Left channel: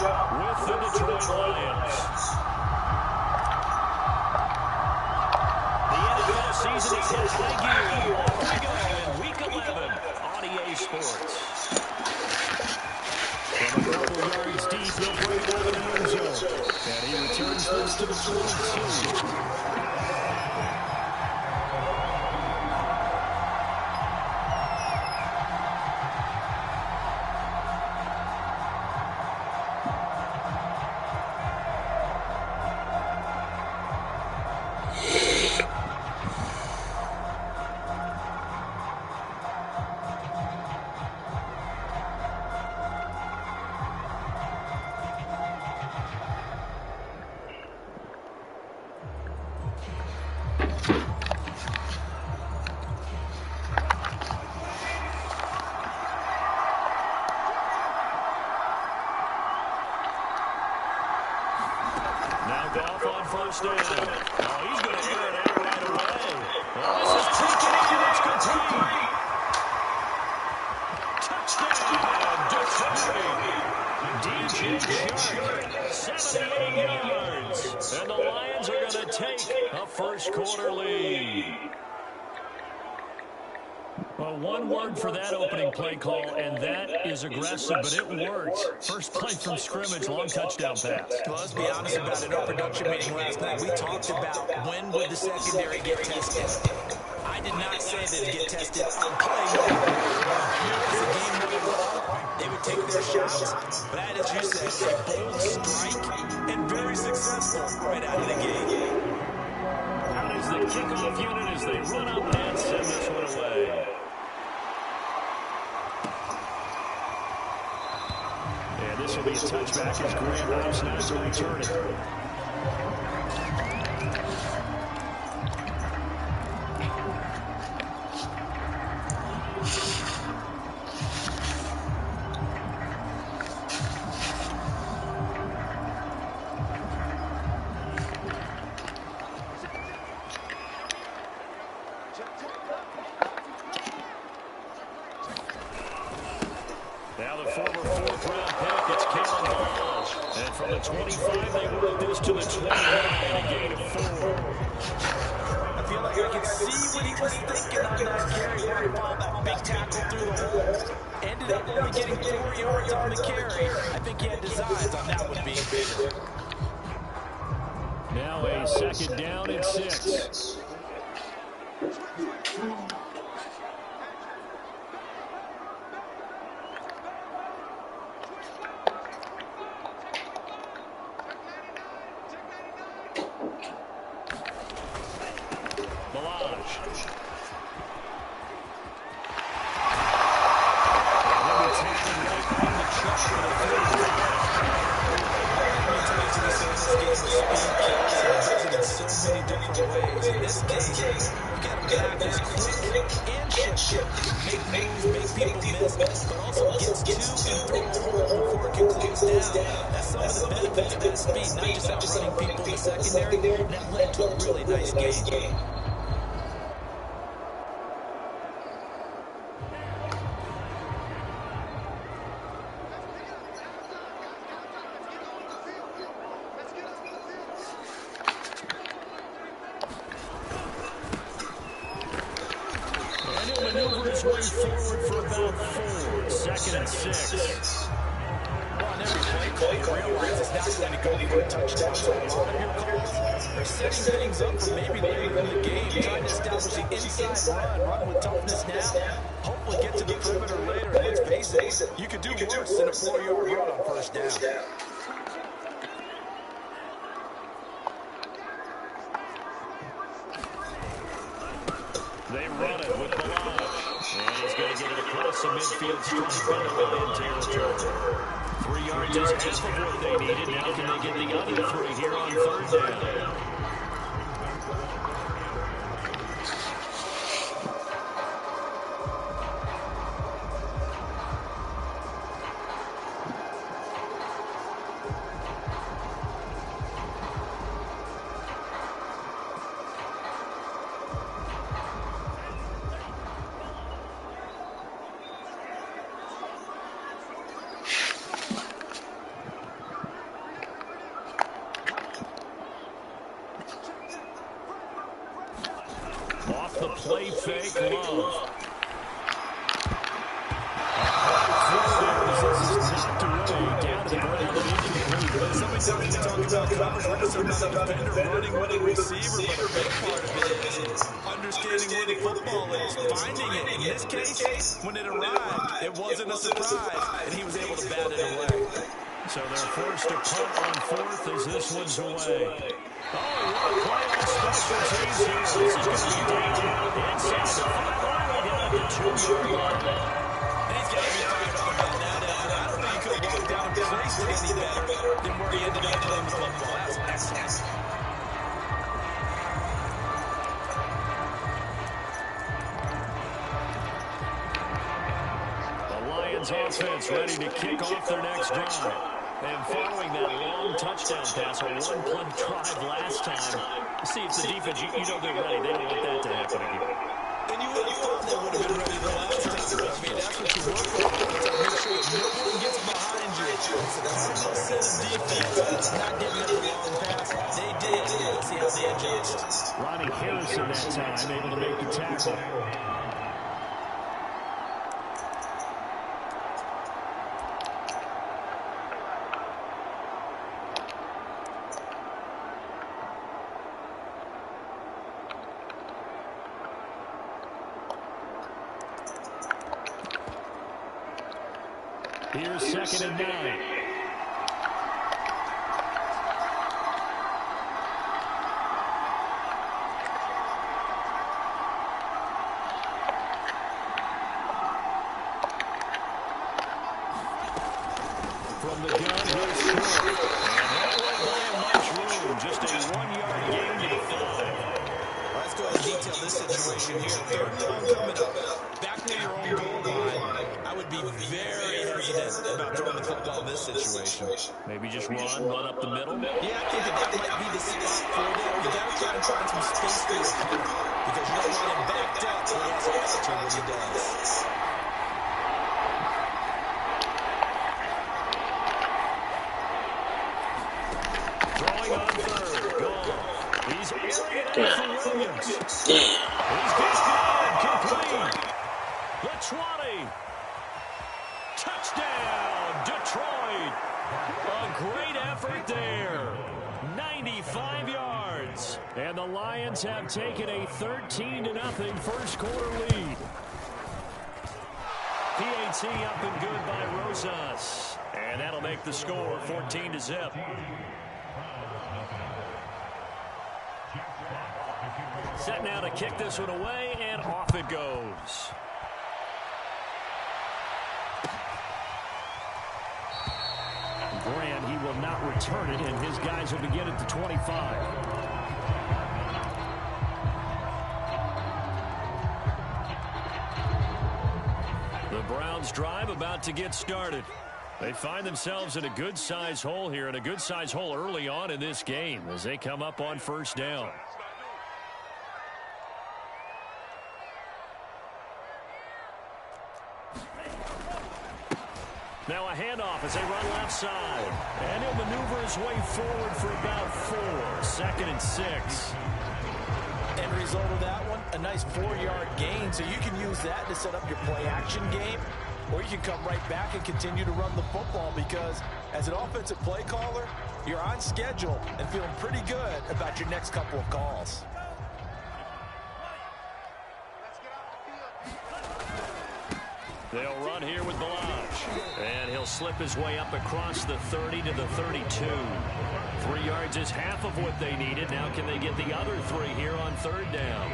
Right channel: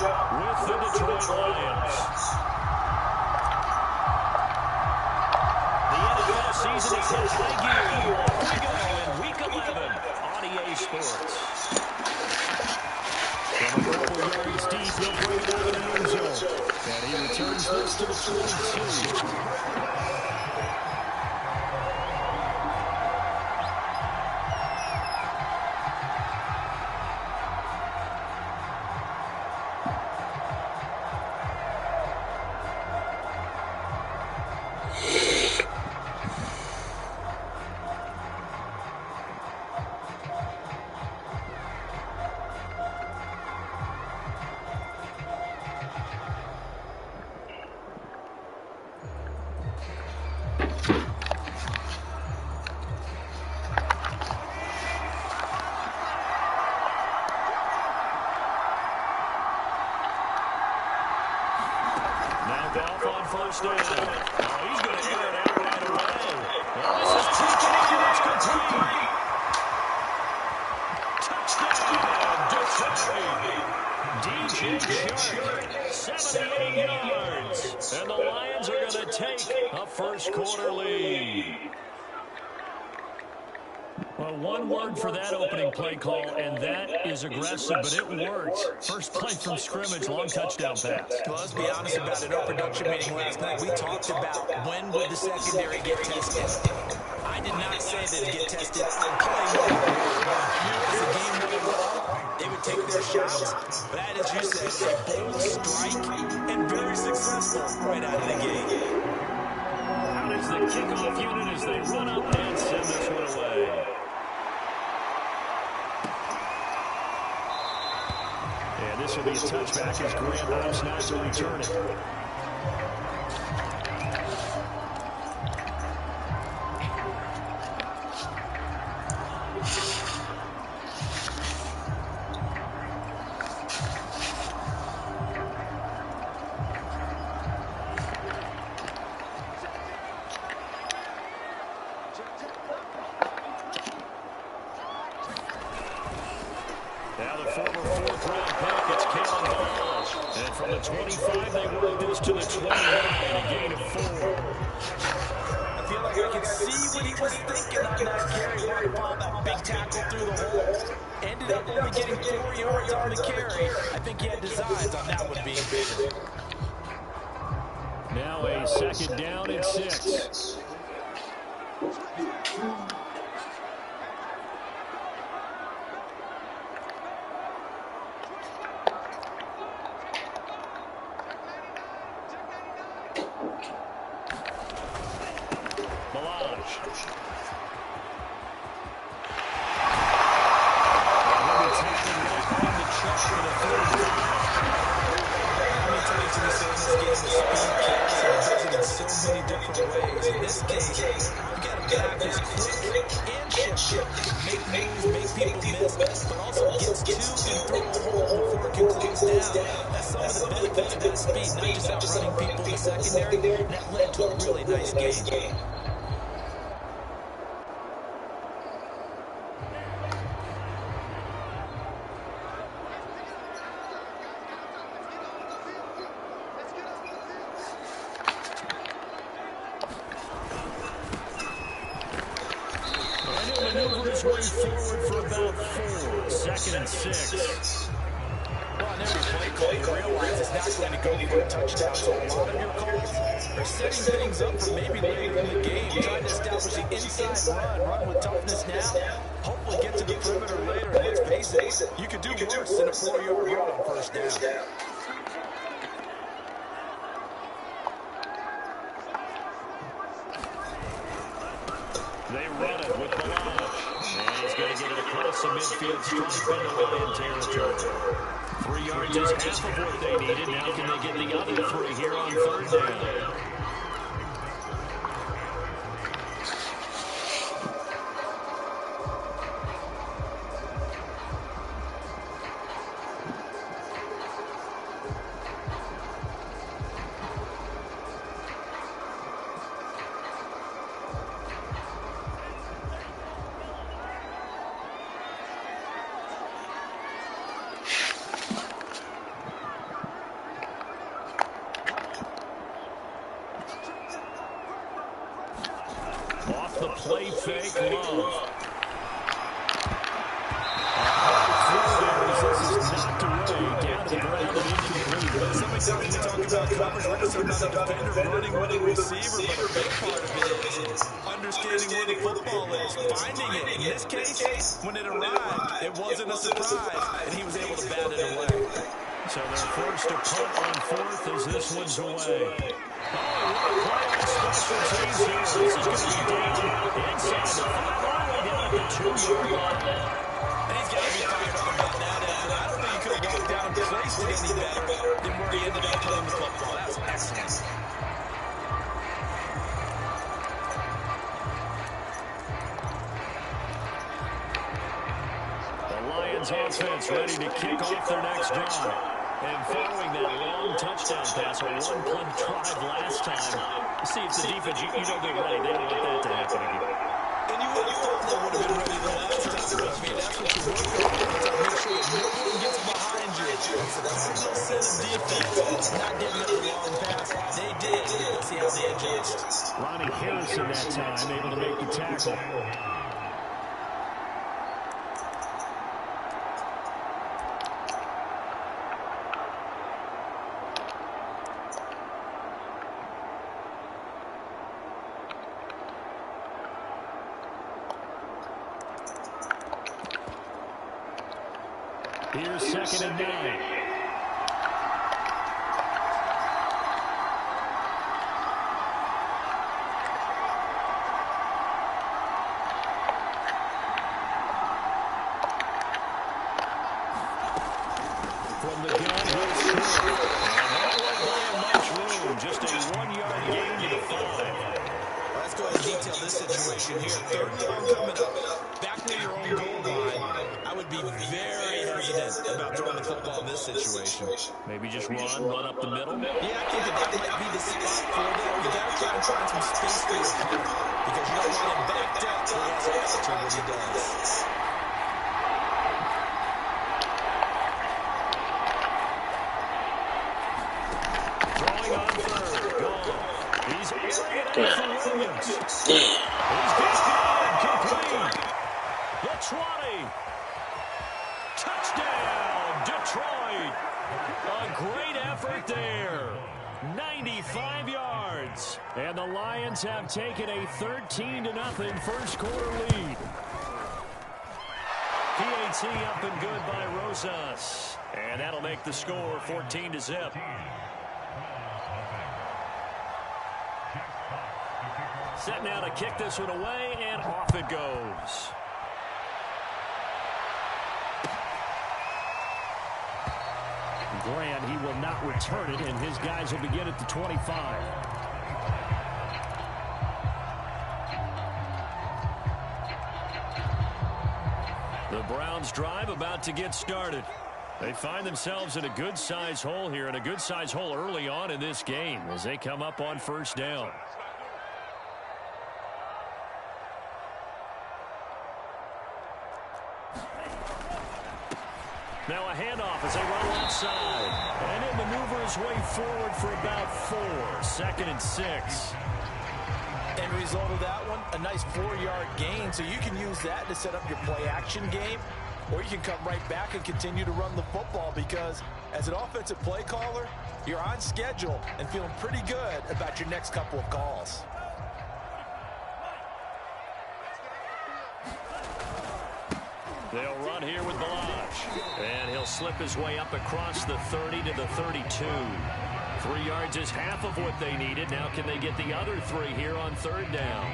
with the Detroit Lions. The NFL season is hit high gear. Off we go in Week 11 on EA Sports. From a couple yards deep, he'll bring it out of the end zone. And he returns this to the 22. First down. Oh, he's going to air it out right away. Well, this is taken in. It's complete. Touchdown, Detroit. DJ Chark, 78 yards. And the Lions are going to take a first quarter lead. Well, one word for that opening play call, and that is aggressive, but it worked. First play from scrimmage, long touchdown pass. Well, let's be honest about it. Our production meeting last night, we talked about when would the secondary get tested. I did not say that it'd get tested on play. As the game went along, they would take their shots. But that, as you said, a bold strike and very successful right out of the gate. Out is the kickoff unit as they run up and send this one away. And this will be a touchback as Graham opts not to return it. Now the former fourth-round pick, it's Kalen Ballage. And from the 25, they work this to the 29, a gain of 4. I feel like I can see what he was thinking on that carry. Wanted to follow that big tackle through the hole. Ended up only getting 4 yards on the carry. I think he had designs on that one being bigger. Now a second down and 6. That led to a really nice game. And he'll maneuver his way forward for about 4. Second and 6. Well, on every play call, you realize it's not going to go for a touchdown. So a lot of your calls are setting things up for maybe later in the game, trying to establish the inside run with toughness now. Hopefully get to the perimeter later. And let's face it, you could do worse than a 4-yard run on first down. They run it with Ballage. And he's going to get it across the midfield stripe into Lion territory. 3 yards is half of what they needed. Now can they get the other 3 here on third down? play fake Love. This is knocked away, down to the ground and incomplete. Somebody tells me we talk about coverage, we're concerned about the defender running with the receiver, but a big part of it is understanding where the football is, finding it. In this case, when it arrived, it wasn't a surprise, and he was able to bat it away. So they're forced to punt on fourth as this one's away. Oh, what a play on special teams here. This is going to be down inside the 5-line, down at the 2-yard line. And he's got to be fired up about that effort. I don't think he could have walked down and placed it any better than where he ended up playing the football. That was excellent. The Lions offense ready to kick off their next drive. And following that long touchdown pass, a one-play drive last time, see if the defense, you know they're ready. They don't want that to happen again. And you would have thought they would have been ready the last time. I mean, that's what you work on. Make sure that no one gets behind you. It's a cardinal set of defense. Not giving up the long pass. They did. Let's see how they adjust. Ronnie Harrison that time, able to make the tackle. Here's 2nd and 9. From the gun, here's Short. And that won't buy him much room. Just a 1-yard gain to the 5. Let's go ahead and detail this situation here. 3rd and long coming up. Back near your own goal line. I would be very hesitant about throwing the football in this situation. Maybe just run up the middle. Yeah, I think that might be the spot for them. You got to try and find some space for your opponent because you don't want him backed up where he has to answer what he does. Throwing on 3rd. Gone. He's airing it out for Williams. He's got it. Complete. The 20. Touchdown, Detroit. A great effort there. 95 yards. And the Lions have taken a 13-0 first quarter lead. PAT up and good by Rosas. And that'll make the score 14-0. Set now to kick this one away, and off it goes. Grant, he will not return it, and his guys will begin at the 25. The Browns drive about to get started. They find themselves in a good-sized hole here, and a good-sized hole early on in this game as they come up on 1st down. Now a handoff as they run left side. And he'll maneuver his way forward for about 4. 2nd and 6. End result of that one, a nice 4-yard gain. So you can use that to set up your play-action game. Or you can come right back and continue to run the football because as an offensive play caller, you're on schedule and feeling pretty good about your next couple of calls. They'll run here with Balaj. And he'll slip his way up across the 30 to the 32. 3 yards is half of what they needed. Now can they get the other 3 here on 3rd down?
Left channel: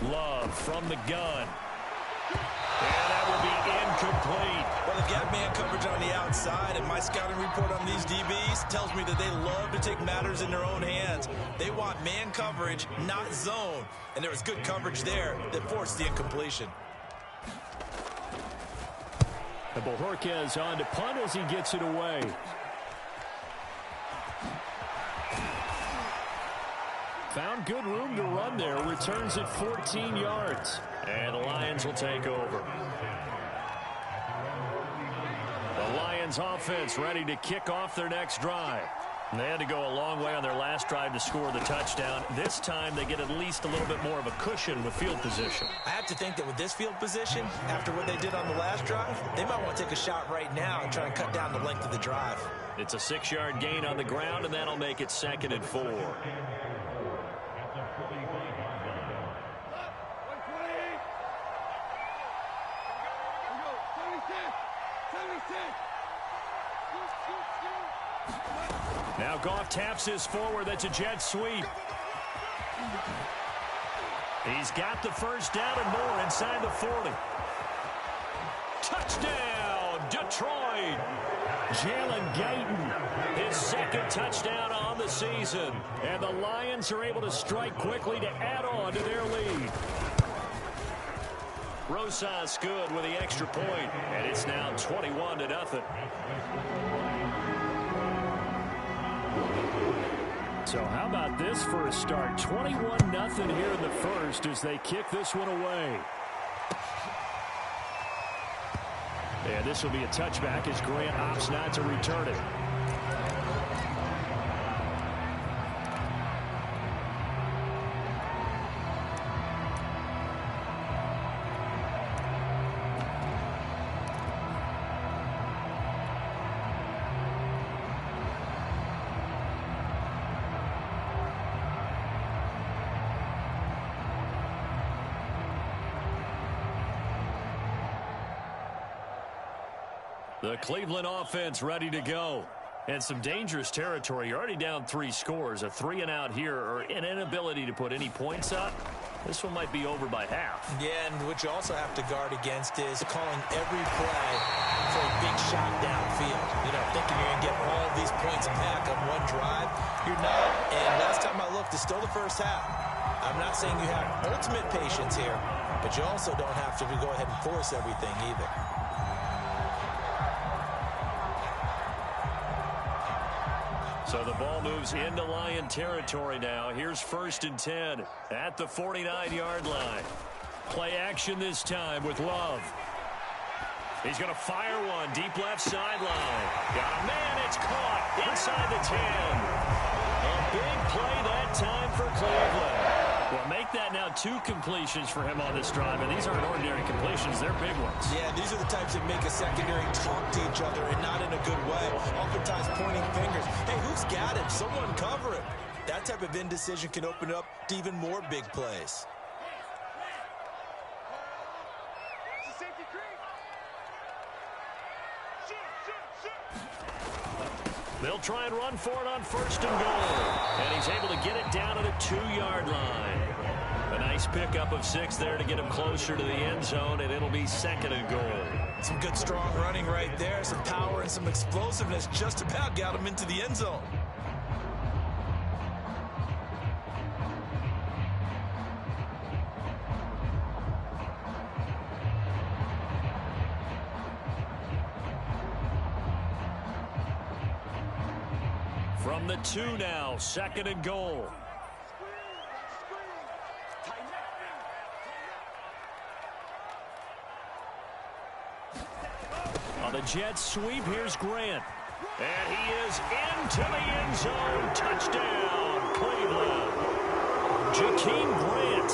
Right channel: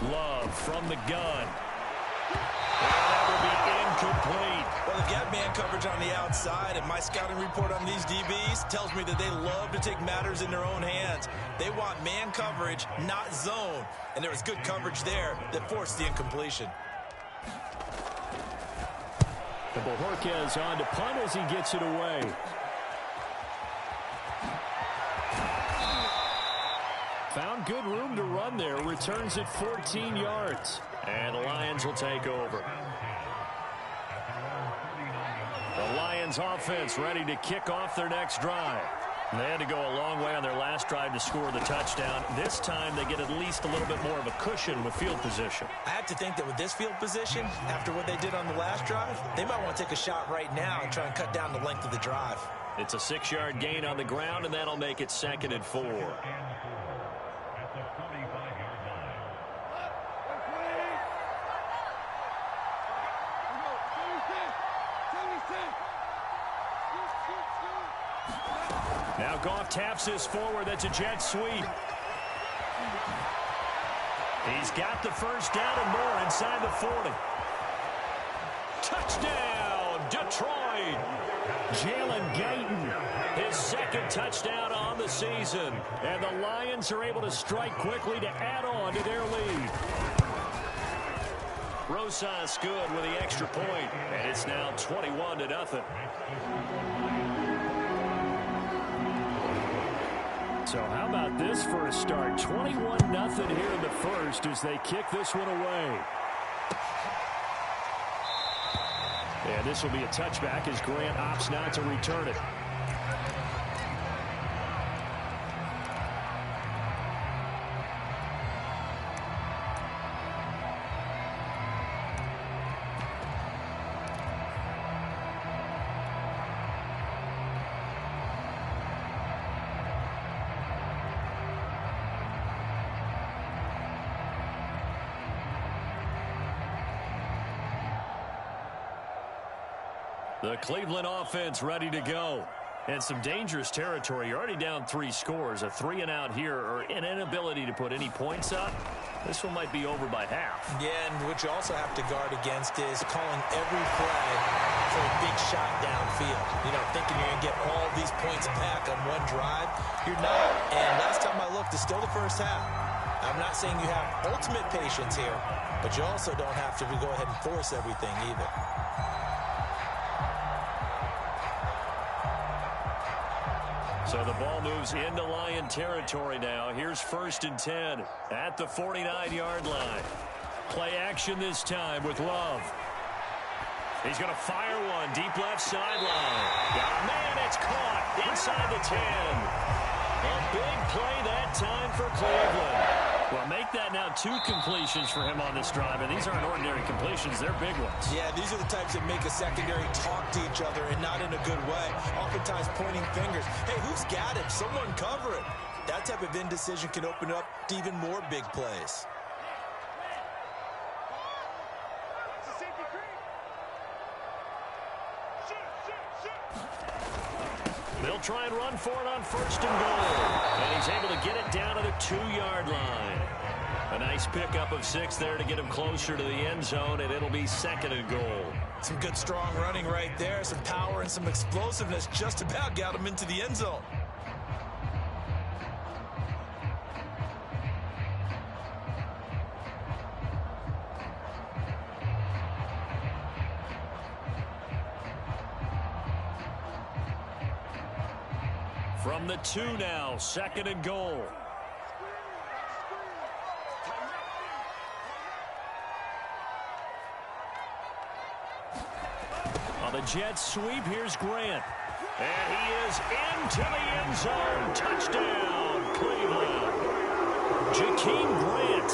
Love from the gun. And that will be incomplete. Well, they've got man coverage on the outside, and my scouting report on these DBs tells me that they love to take matters in their own hands. They want man coverage, not zone. And there was good coverage there that forced the incompletion. And Bojorquez on to punt as he gets it away. Found good room to run there. Returns it 14 yards. And the Lions will take over. The Lions offense ready to kick off their next drive. And they had to go a long way on their last drive to score the touchdown. This time they get at least a little bit more of a cushion with field position. I have to think that with this field position, after what they did on the last drive, they might want to take a shot right now and try and cut down the length of the drive. It's a 6-yard gain on the ground, and that'll make it 2nd and 4. Now Goff taps this forward. That's a jet sweep. He's got the first down and more inside the 40. Touchdown, Detroit. Jalen Guyton, his 2nd touchdown on the season. And the Lions are able to strike quickly to add on to their lead. Rosas good with the extra point, and it's now 21-0. So how about this for a start? 21-0 here in the first as they kick this one away. And this will be a touchback as Grant opts not to return it. The Cleveland offense ready to go. And some dangerous territory. You're already down 3 scores. A 3-and-out here or an inability to put any points up. This one might be over by half. Yeah, and what you also have to guard against is calling every play for a big shot downfield. You know, thinking you're going to get all these points back on one drive. You're not. And last time I looked, it's still the first half. I'm not saying you have ultimate patience here, but you also don't have to go ahead and force everything either. So the ball moves into Lion territory now. Here's 1st and 10 at the 49-yard line. Play action this time with Love. He's going to fire one deep left sideline. Got a man. It's caught inside the 10. A big play that time for Cleveland. Well, make that now 2 completions for him on this drive, and these aren't ordinary completions. They're big ones. Yeah, these are the types that make a secondary talk to each other and not in a good way. Oftentimes pointing fingers. Hey, who's got it? Someone cover it. That type of indecision can open up to even more big plays. They'll try and run for it on 1st and goal. And he's able to get it down to the 2-yard line. A nice pickup of 6 there to get him closer to the end zone, and it'll be 2nd and goal. Some good strong running right there. Some power and some explosiveness just about got him into the end zone. From the 2 now, 2nd and goal. On the jet sweep, here's Grant. And he is into the end zone. Touchdown, Cleveland. Jakeem Grant,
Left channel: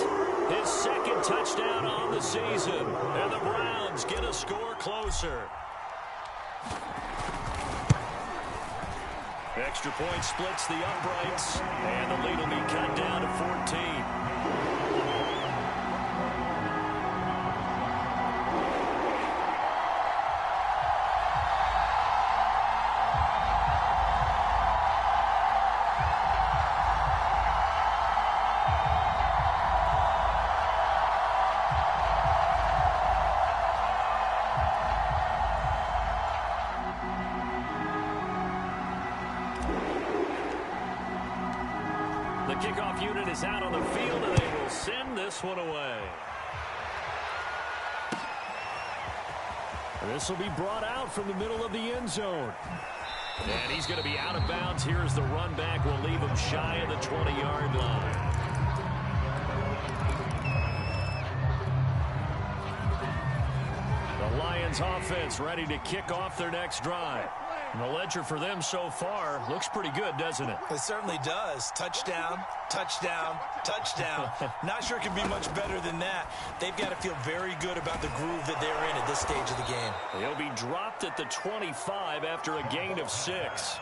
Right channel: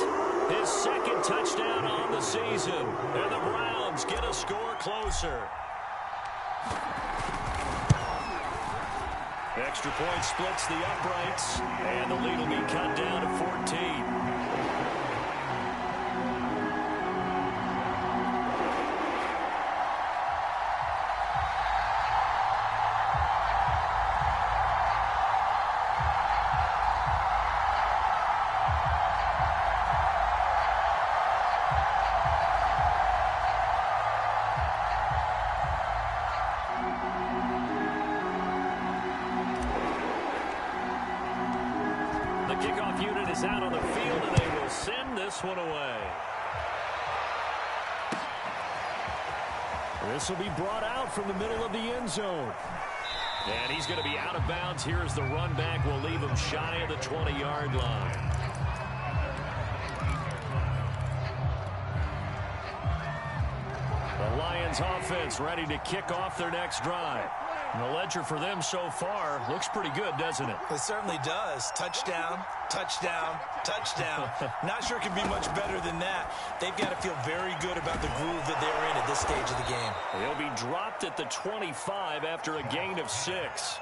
his 2nd touchdown on the season. And the Browns get a score closer. Extra point splits the uprights, and the lead will be cut down to 14. The kickoff unit is out on the field, and they will send this one away. This will be brought out from the middle of the end zone. And he's going to be out of bounds. Here's the run back. We'll leave him shy of the 20-yard line. The Lions offense ready to kick off their next drive. And the ledger for them so far looks pretty good, doesn't it? It certainly does. Touchdown, touchdown, touchdown. Not sure it can be much better than that. They've got to feel very good about the groove that they're in at this stage of the game. He'll be dropped at the 25 after a gain of 6.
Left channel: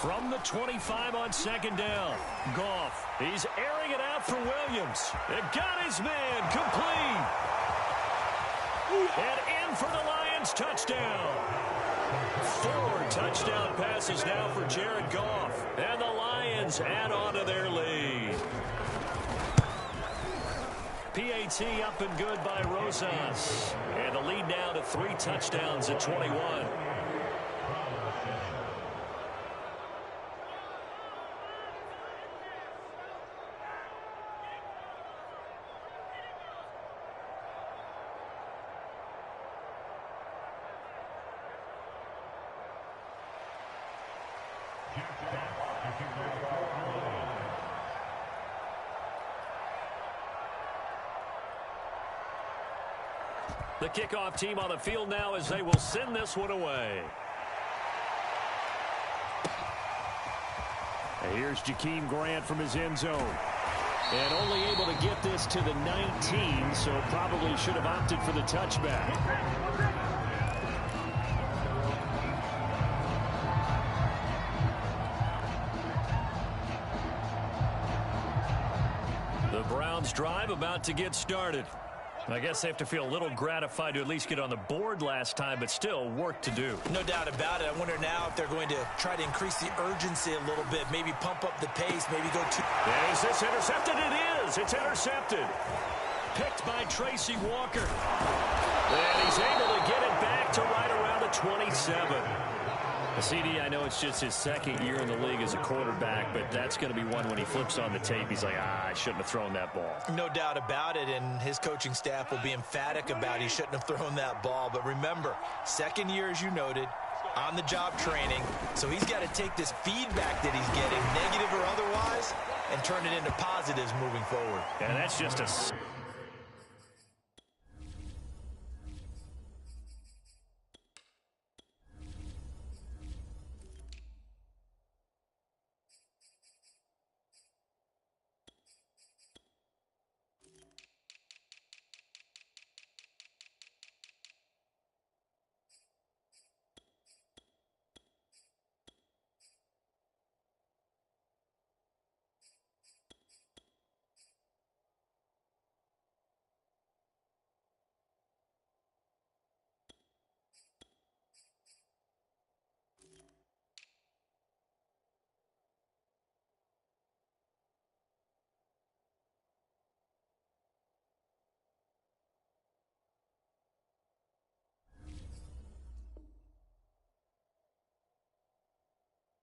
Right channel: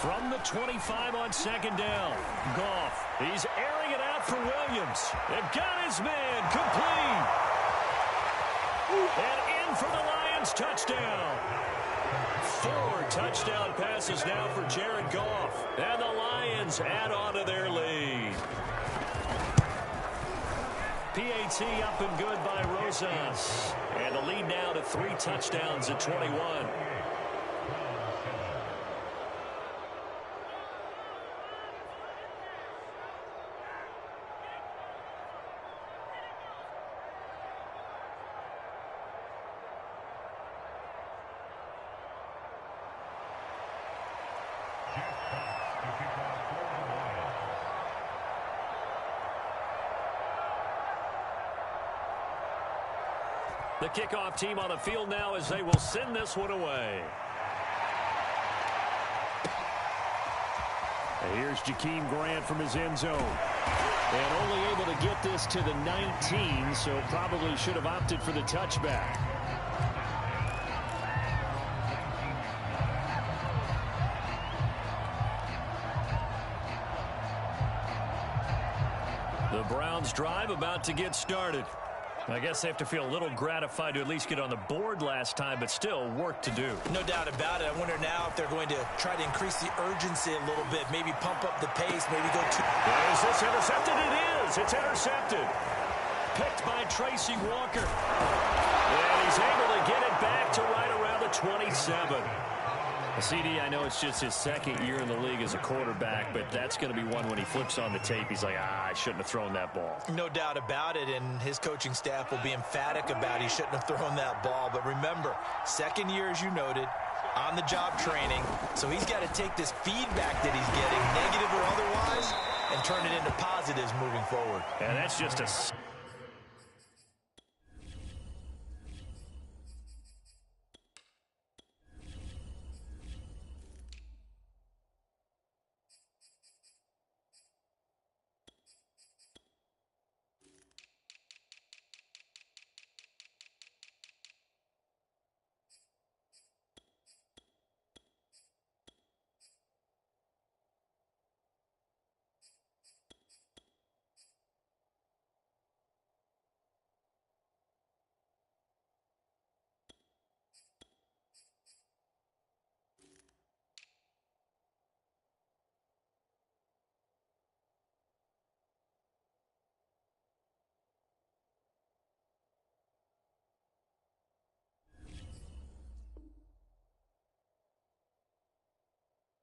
From the 25 on second down, Goff. He's airing it out for Williams. They've got his man complete. And in for the Lions touchdown. 4 touchdown passes now for Jared Goff. And the Lions add on to their lead. PAT up and good by Rosas. And the lead now to 3 touchdowns at 21. The kickoff team on the field now as they will send this one away. And here's Jakeem Grant from his end zone. And only able to get this to the 19, so probably should have opted for the touchback. The Browns drive about to get started. I guess they have to feel a little gratified to at least get on the board last time, but still work to do. No doubt about it. I wonder now if they're going to try to increase the urgency a little bit, maybe pump up the pace, maybe go too... Is this intercepted? It is. It's intercepted. Picked by Tracy Walker. And he's able to get it back to right around the 27. CD, I know it's just his second year in the league as a quarterback, but that's going to be one when he flips on the tape. He's like, I shouldn't have thrown that ball. No doubt about it, and his coaching staff will be emphatic about he shouldn't have thrown that ball. But remember, second year, as you noted, on-the-job training, so he's got to take this feedback that he's getting, negative or otherwise, and turn it into positives moving forward. And that's just a...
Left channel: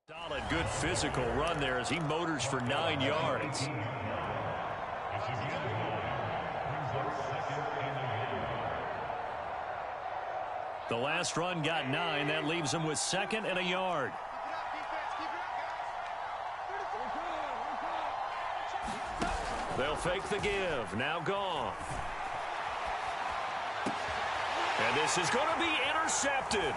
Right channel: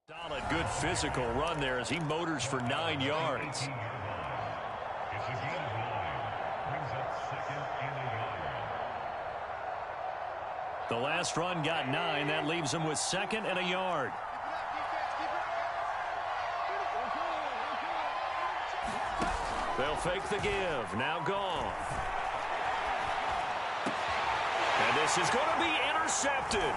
Solid, good physical run there as he motors for 9 yards. The last run got 9. That leaves him with 2nd and a yard. They'll fake the give. Now Goff. And this is going to be intercepted.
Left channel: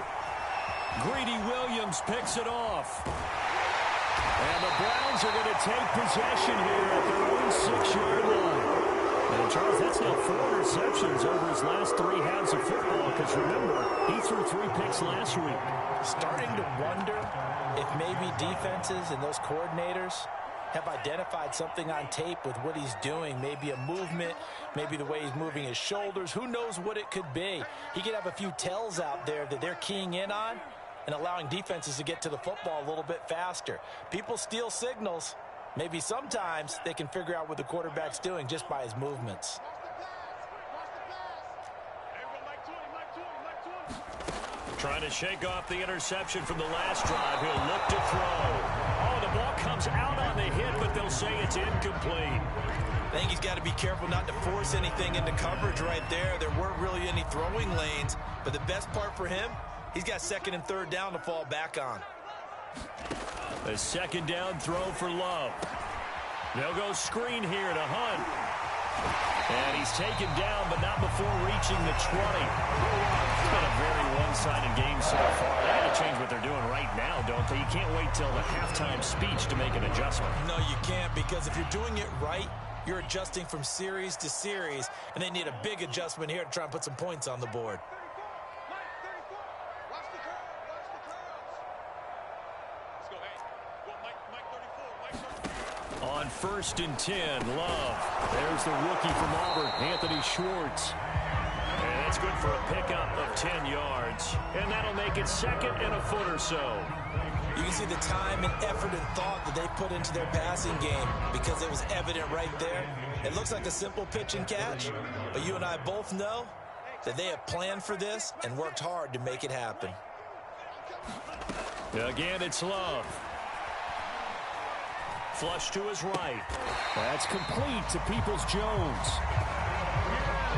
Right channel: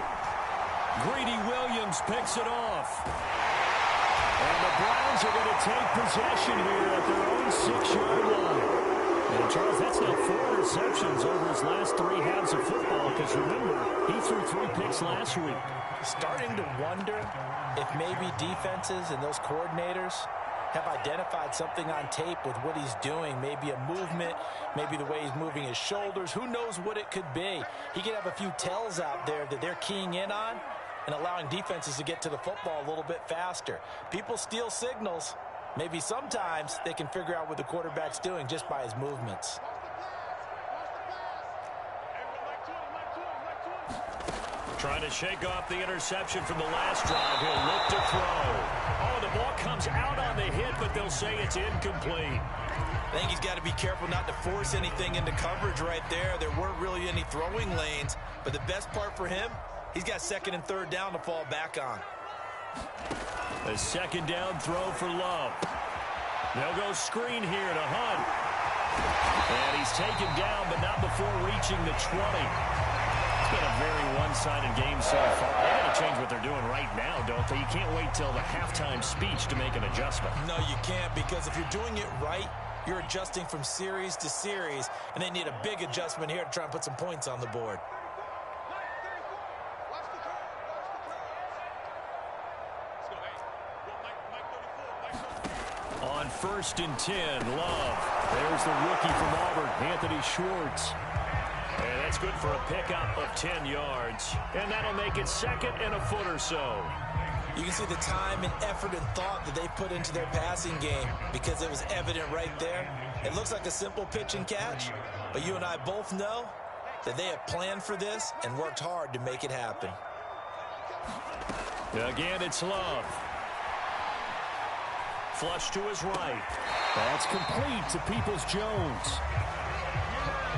Greedy Williams picks it off. And the Browns are going to take possession here at their own 6-yard line. And, Charles, that's now 4 interceptions over his last 3 halves of football because, remember, he threw 3 picks last week. Starting to wonder if maybe defenses and those coordinators have identified something on tape with what he's doing. Maybe a movement, maybe the way he's moving his shoulders. Who knows what it could be? He could have a few tells out there that they're keying in on and allowing defenses to get to the football a little bit faster. People steal signals. Maybe sometimes they can figure out what the quarterback's doing just by his movements. Trying to shake off the interception from the last drive. He'll look to throw. Oh, the ball comes out on the hit, but they'll say it's incomplete. I think he's got to be careful not to force anything into coverage right there. There weren't really any throwing lanes, but the best part for him, he's got second and third down to fall back on. A second down throw for Love. They'll go screen here to Hunt. And he's taken down, but not before reaching the 20. It's been a very one-sided game so far. They got to change what they're doing right now, don't they? You can't wait till the halftime speech to make an adjustment. No, you can't, because if you're doing it right, you're adjusting from series to series, and they need a big adjustment here to try and put some points on the board. On 1st and 10, Love. There's the rookie from Auburn, Anthony Schwartz. And that's good for a pickup of 10 yards. And that'll make it second and a foot or so. You can see the time and effort and thought that they put into their passing game because it was evident right there. It looks like a simple pitch and catch, but you and I both know that they have planned for this and worked hard to make it happen. Again, it's Love. Flush to his right. That's complete to Peoples-Jones.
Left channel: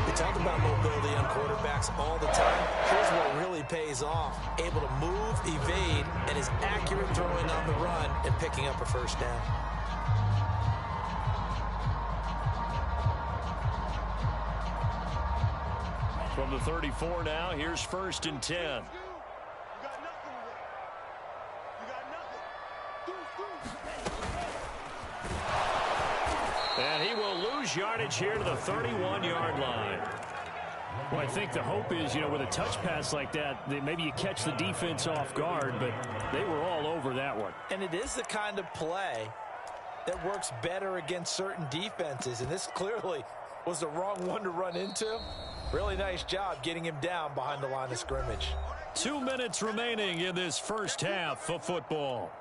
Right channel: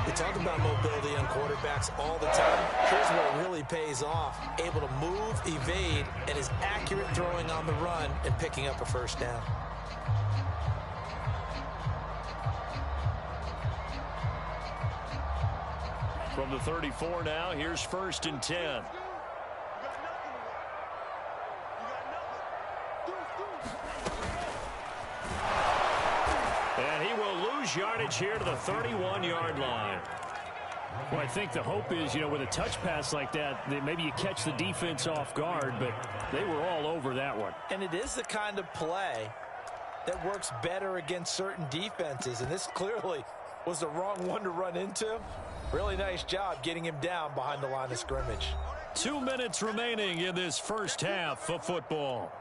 We talk about mobility on quarterbacks all the time. Here's what really pays off. Able to move, evade, and is accurate throwing on the run and picking up a first down. From the 34 now, here's 1st and 10. And he will lose yardage here to the 31-yard line. Well, I think the hope is, with a touch pass like that maybe you catch the defense off guard, but they were all over that one. And it is the kind of play that works better against certain defenses, and this clearly was the wrong one to run into. Really nice job getting him down behind the line of scrimmage. 2 minutes remaining in this first half of football.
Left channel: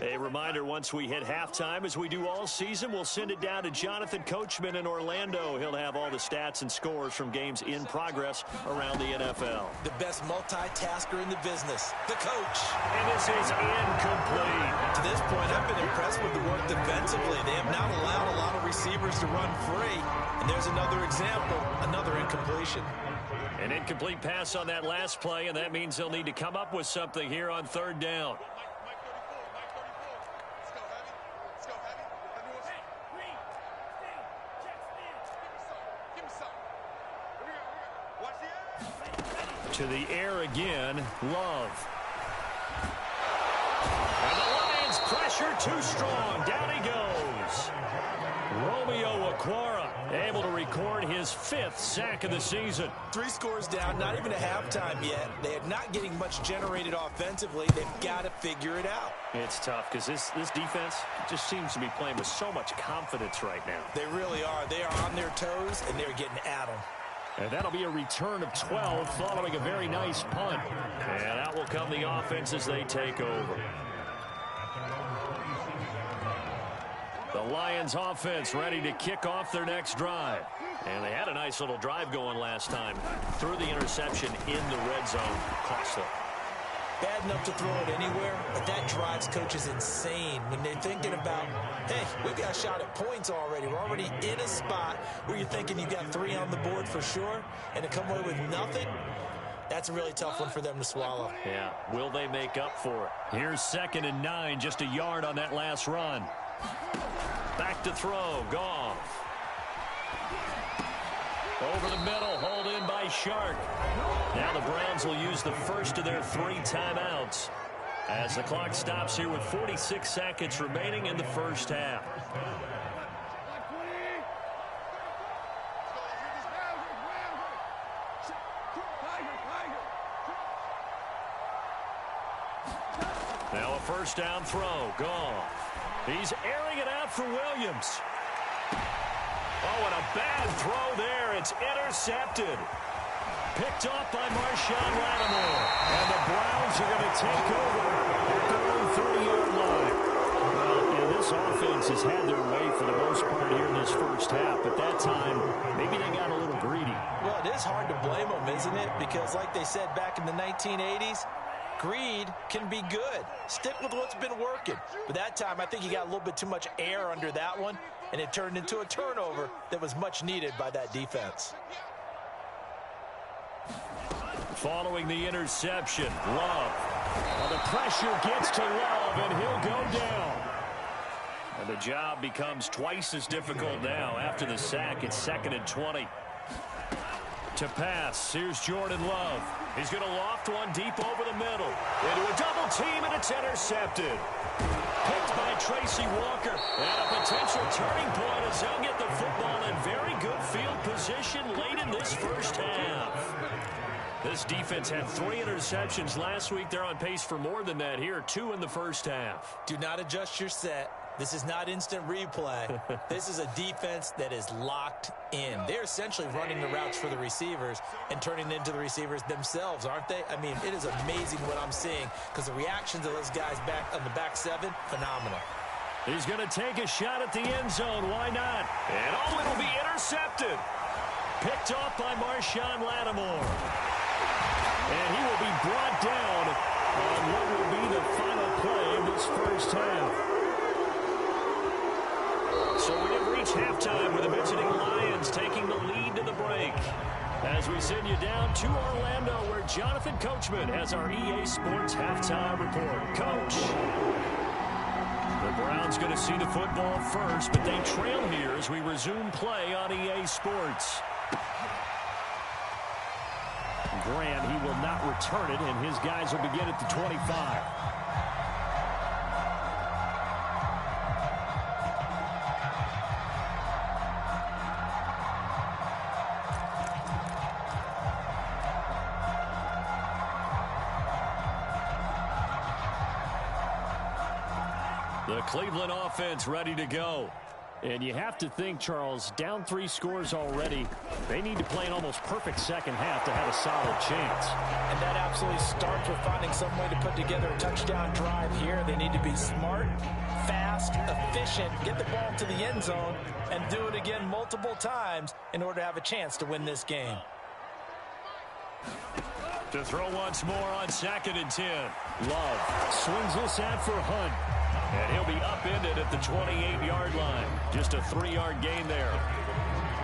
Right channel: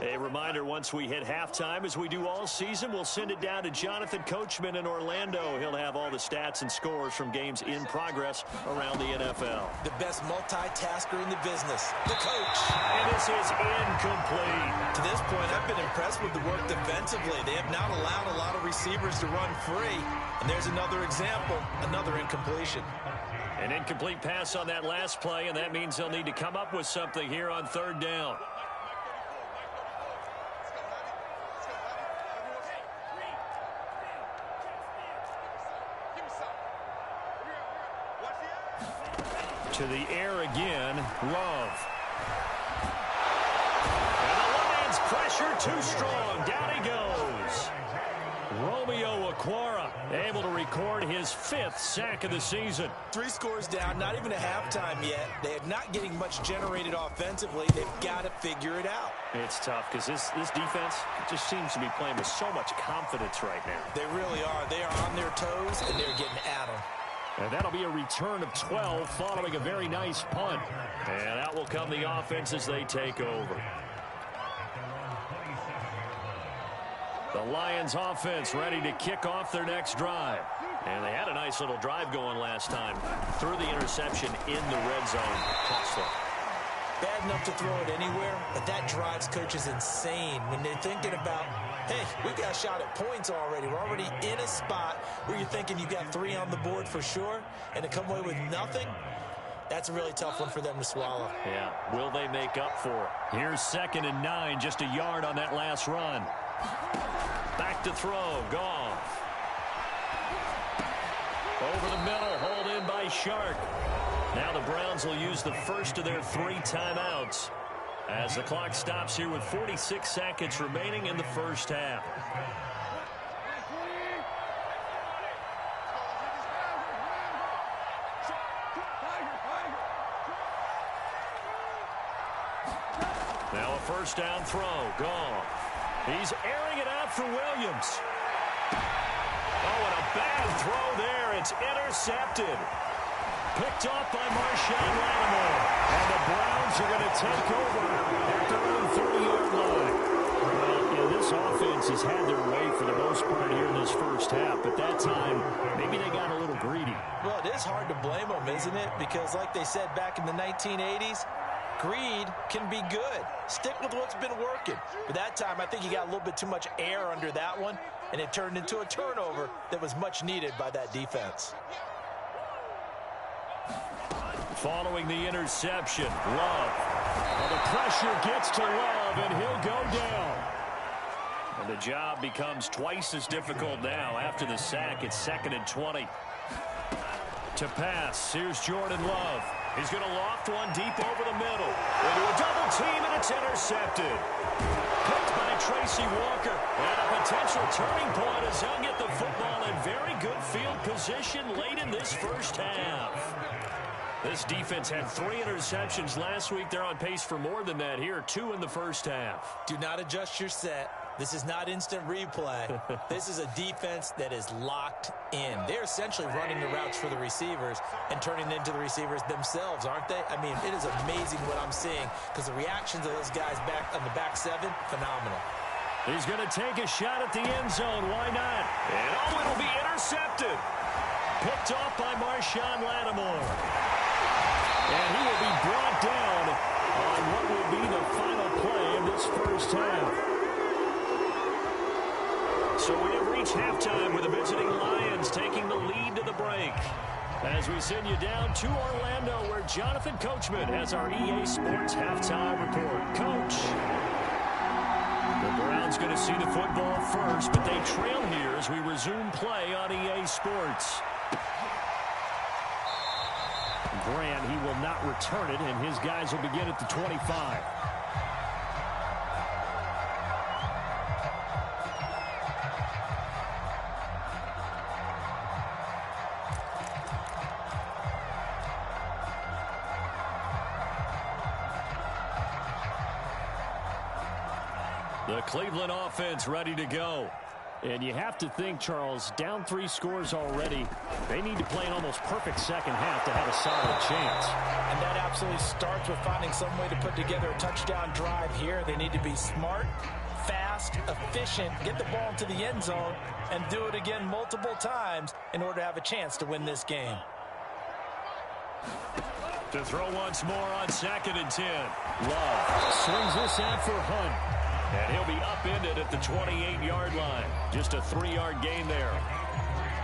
A reminder, once we hit halftime, as we do all season, we'll send it down to Jonathan Coachman in Orlando. He'll have all the stats and scores from games in progress around the NFL. The best multitasker in the business, the coach. And this is incomplete. To this point, I've been impressed with the work defensively. They have not allowed a lot of receivers to run free. And there's another example, another incompletion. An incomplete pass on that last play, and that means they'll need to come up with something here on 3rd down. To the air again, Love. And the Lions pressure too strong. Down he goes. Romeo Okwara able to record his 5th sack of the season. 3 scores down, not even a halftime yet. They are not getting much generated offensively. They've got to figure it out. It's tough because this defense just seems to be playing with so much confidence right now. They really are. They are on their toes, and they're getting at them. And that'll be a return of 12 following a very nice punt. And out will come the offense as they take over. The Lions offense ready to kick off their next drive. And they had a nice little drive going last time. Threw the interception in the red zone. Costly. Bad enough to throw it anywhere, but that drives coaches insane when they're thinking about, hey, we've got a shot at points already. We're already in a spot where you're thinking you got 3 on the board for sure, and to come away with nothing, that's a really tough one for them to swallow. Yeah, will they make up for it? Here's 2nd and 9, just a yard on that last run. Back to throw, Goff. Over the middle, hauled in by Shark. Now the Browns will use the first of their 3 timeouts as the clock stops here with 46 seconds remaining in the first half. Now a first down throw, Goff. He's airing it out for Williams. Oh, and a bad throw there. It's intercepted. Picked off by Marshawn Lattimore. And the Browns are going to take over at their own 30-yard line. Well, this offense has had their way for the most part here in this first half. At that time, maybe they got a little greedy. Well, it is hard to blame them, isn't it? Because like they said back in the 1980s, greed can be good. Stick with what's been working. But that time, I think he got a little bit too much air under that one, and it turned into a turnover that was much needed by that defense. Following the interception, Love. Well, the pressure gets to Love, and he'll go down. And the job becomes twice as difficult now after the sack. It's 2nd and 20. To pass, here's Jordan Love. He's going to loft one deep over the middle. Into a double team, and it's intercepted. Picked by Tracy Walker. And a potential turning point as he'll get the football in very good field position late in this first half. This defense had 3 interceptions last week. They're on pace for more than that here. 2 in the first half. Do not adjust your set. This is not instant replay. This is a defense that is locked in. They're essentially running the routes for the receivers and turning it into the receivers themselves, aren't they? I mean, it is amazing what I'm seeing because the reactions of those guys back on the back 7, phenomenal. He's going to take a shot at the end zone. Why not? And oh, it'll be intercepted. Picked off by Marshawn Lattimore. And he will be brought down on what will be the final play of this first half. So we have reached halftime with the visiting Lions taking the lead to the break. As we send you down to Orlando where Jonathan Coachman has our EA Sports halftime report. Coach. The Browns going to see the football first, but they trail here as we resume play on EA Sports. Grant, he will not return it, and his guys will begin at the 25. The Cleveland offense ready to go. And you have to think, Charles, down 3 scores already. They need to play an almost perfect second half to have a solid chance. And that absolutely starts with finding some way to put together a touchdown drive here. They need to be smart, fast, efficient, get the ball into the end zone, and do it again multiple times in order to have a chance to win this game. To throw once more on 2nd and 10. Love swings this out for Hunt. And he'll be upended at the 28-yard line. Just a 3-yard gain there.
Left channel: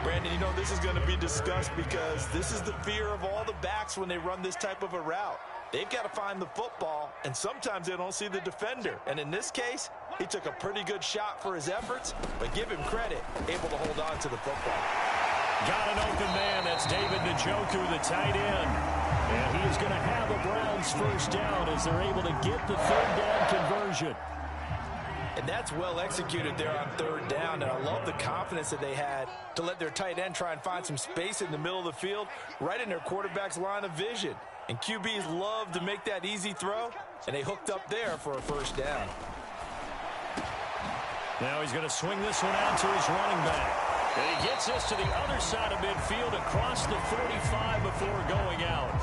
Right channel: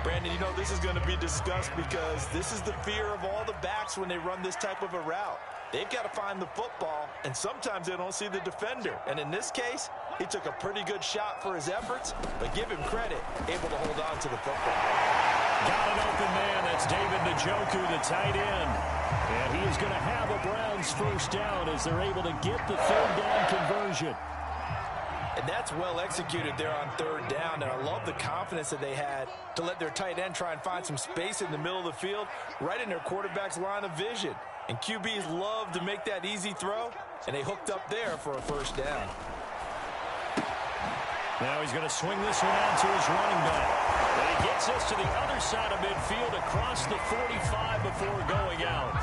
Brandon, you know, this is going to be discussed because this is the fear of all the backs when they run this type of a route. They've got to find the football, and sometimes they don't see the defender. And in this case, he took a pretty good shot for his efforts, but give him credit, able to hold on to the football. Got an open man. That's David Njoku, the tight end. And he is going to have a Browns first down as they're able to get the 3rd down conversion. And that's well executed there on 3rd down. And I love the confidence that they had to let their tight end try and find some space in the middle of the field, right in their quarterback's line of vision. And QBs love to make that easy throw, and they hooked up there for a first down. Now he's going to swing this one out to his running back. And he gets this to the other side of midfield across the 45 before going out.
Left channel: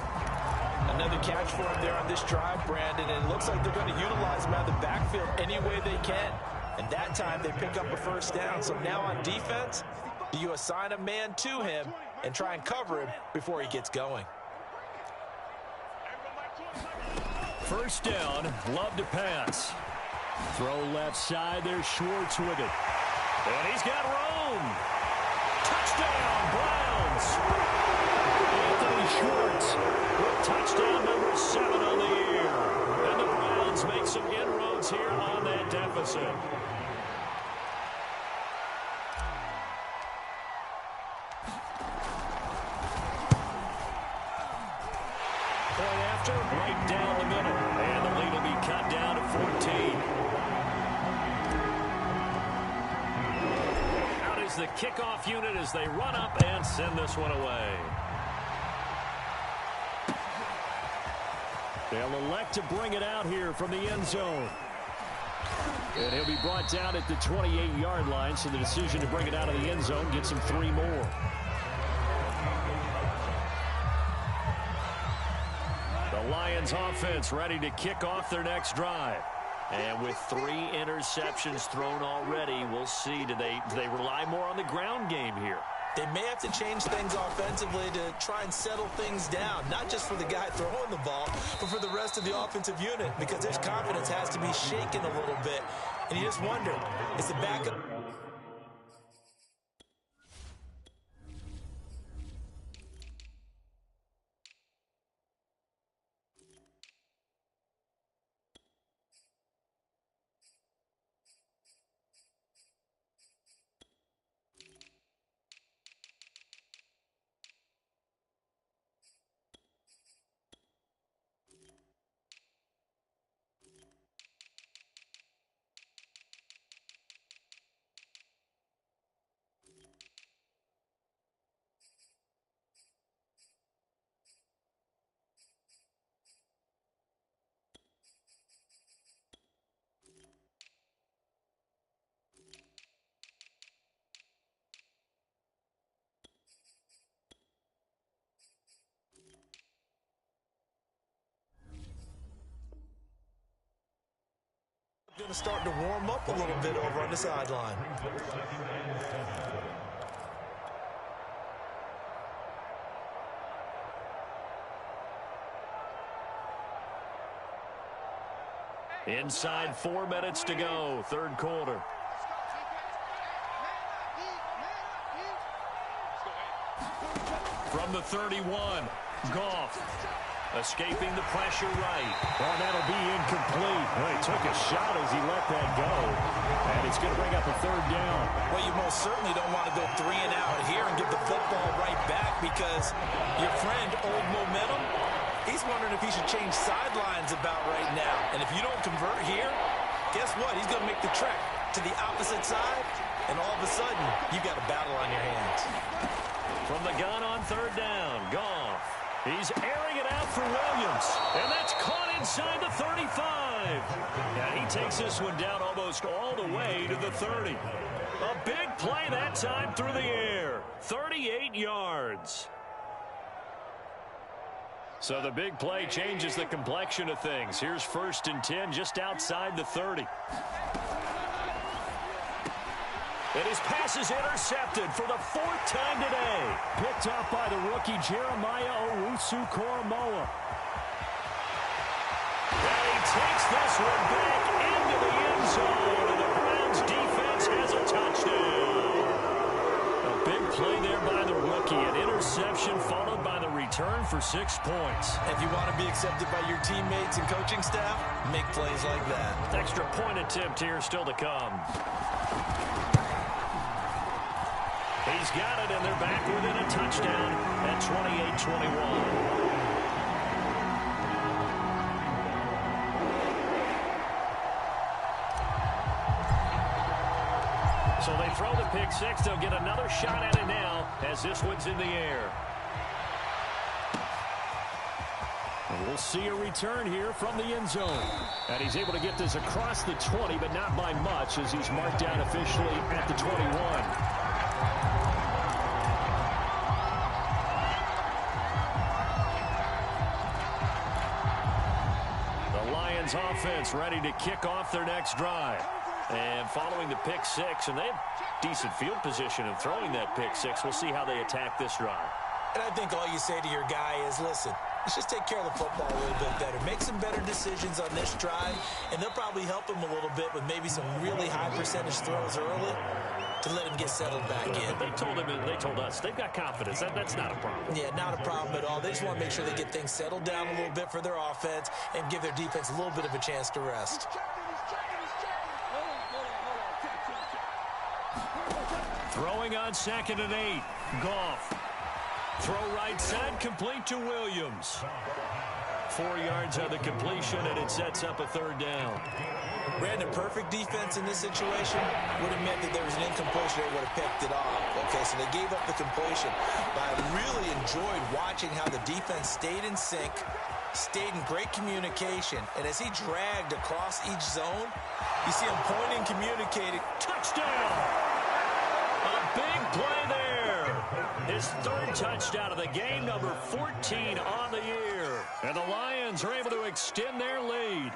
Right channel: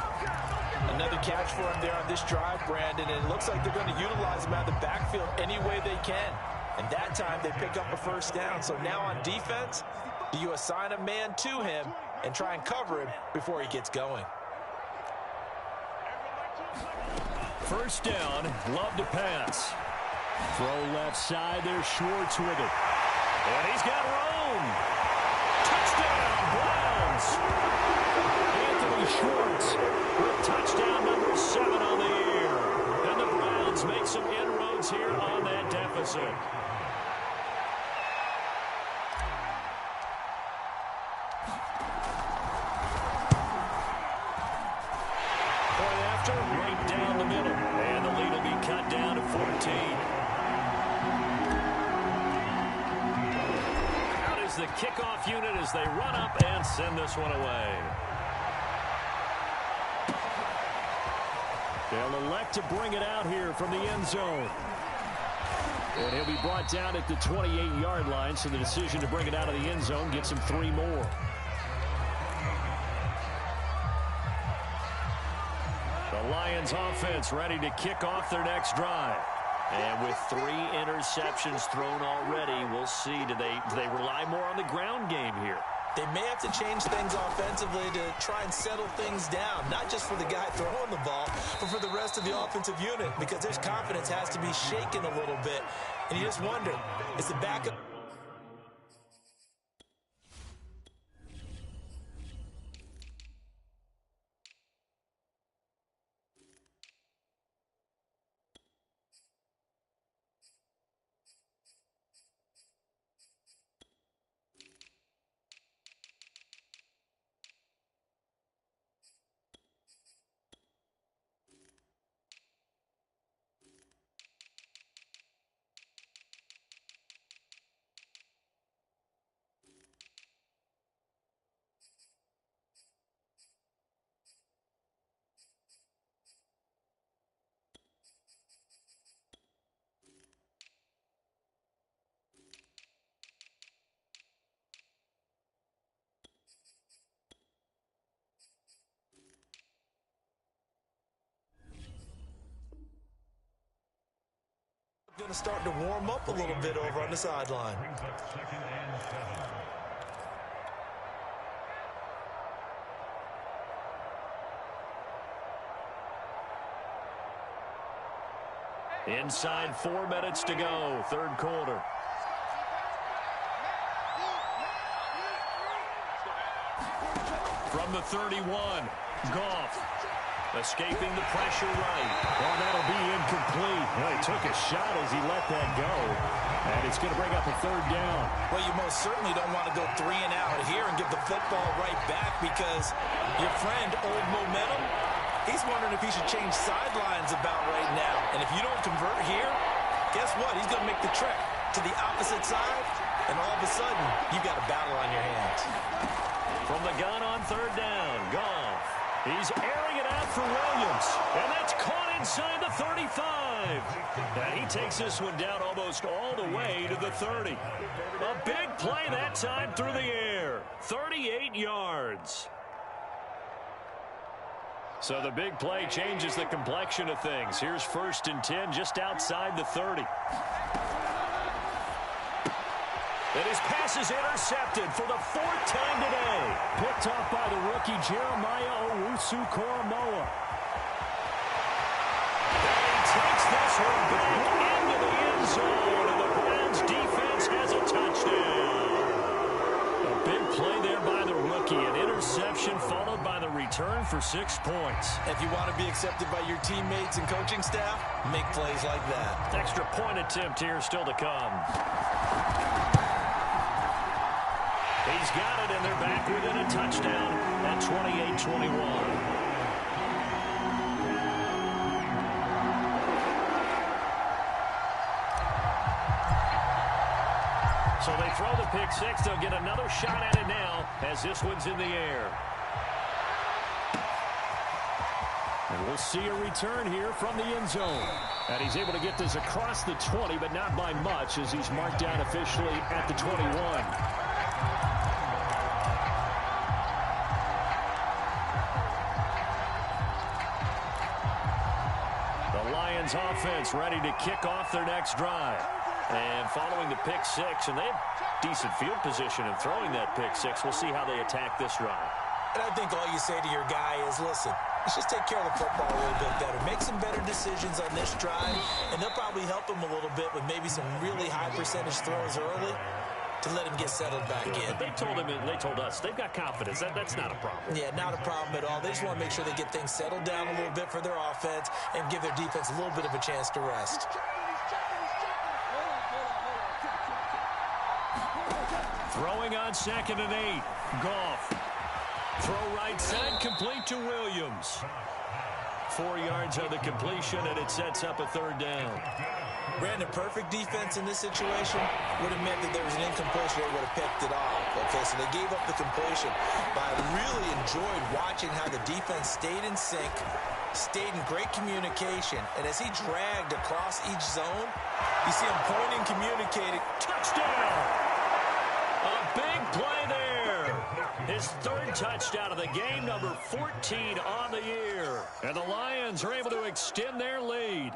Another catch for him there on this drive, Brandon, and it looks like they're going to utilize him out of the backfield any way they can. And that time they pick up a first down. So now on defense, do you assign a man to him and try and cover him before he gets going? First down, Love to pass. Throw left side, there's Schwartz with it. And he's got room. Touchdown, Browns. Anthony Schwartz with touchdown number 7 on the year. And the Browns make some inroads here on that deficit. Point after, right down the middle. And the lead will be cut down to 14. Out is the kickoff unit as they run up and send this one away. They'll elect to bring it out here from the end zone. And he'll be brought down at the 28-yard line, so the decision to bring it out of the end zone gets him 3 more. The Lions offense ready to kick off their next drive. And with 3 interceptions thrown already, we'll see. Do they rely more on the ground game here? They may have to change things offensively to try and settle things down, not just for the guy throwing the ball, but for the rest of the offensive unit, because their confidence has to be shaken a little bit. And you just wonder, is the backup... Going to start to warm up a little bit over on the sideline. Inside 4 minutes to go, third quarter. From the 31, Goff. Escaping the pressure right. Oh, that'll be incomplete. Well, he took a shot as he let that go. And it's going to bring up a third down. Well, you most certainly don't want to go 3 and out here and give the football right back, because your friend, Old Momentum, he's wondering if he should change sidelines about right now. And if you don't convert here, guess what? He's going to make the trek to the opposite side, and all of a sudden, you've got a battle on your hands. From the gun on third down, Goff. He's airing it out for Williams, and that's caught inside the 35. And he takes this one down almost all the way to the 30. A big play that time through the air, 38 yards. So the big play changes the complexion of things. Here's 1st and 10 just outside the 30. And his pass is intercepted for the 4th time today. Picked off by the rookie Jeremiah Owusu-Koramoah. And he takes this one back into the end zone, and the Browns defense has a touchdown. A big play there by the rookie. An interception followed by the return for 6 points. If you want to be accepted by your teammates and coaching staff, make plays like that. Extra point attempt here still to come. He's got it, and they're back within a touchdown at 28-21. So they throw the pick six. They'll get another shot at it now as this one's in the air. And we'll see a return here from the end zone. And he's able to get this across the 20, but not by much, as he's marked down officially at the 21. Lions offense ready to kick off their next drive. And following the pick six, and they have decent field position in throwing that pick six. We'll see how they attack this drive. And I think all you say to your guy is, listen, let's just take care of the football a little bit better. Make some better decisions on this drive, and they'll probably help him a little bit with maybe some really high percentage throws early to let him get settled back in. But they told him, and they told us, they've got confidence. That's not a problem. Yeah, not a problem at all. They just want to make sure they get things settled down a little bit for their offense and give their defense a little bit of a chance to rest. Throwing on 2nd and 8. Goff. Throw right side, complete to Williams. 4 yards on the completion, and it sets up a third down. Brandon, perfect defense in this situation would have meant that there was an incompletion. They would have picked it off. Okay, so they gave up the completion. But I really enjoyed watching how the defense stayed in sync, stayed in great communication, and as he dragged across each zone, you see him pointing, communicating. Touchdown! A big play there. His 3rd touchdown of the game, number 14 on the year. And the Lions are able to extend their lead.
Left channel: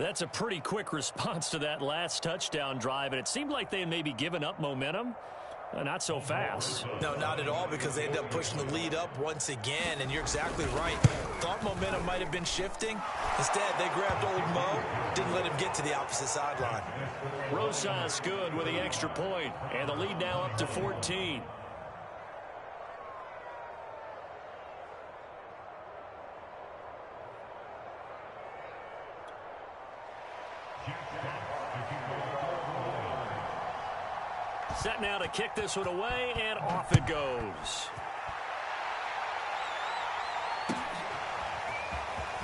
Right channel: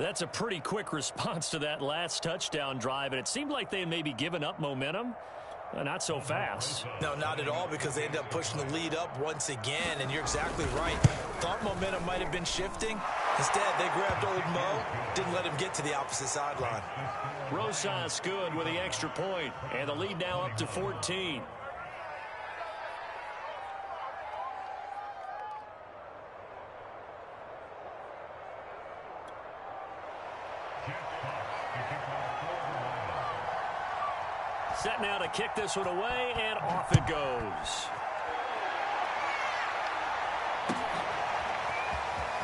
That's a pretty quick response to that last touchdown drive, and it seemed like they had maybe given up momentum. Not so fast. No, not at all, because they ended up pushing the lead up once again, and you're exactly right. Thought momentum might have been shifting. Instead, they grabbed old Mo, didn't let him get to the opposite sideline. Rosas good with the extra point, and the lead now up to 14. Set now to kick this one away, and off it goes.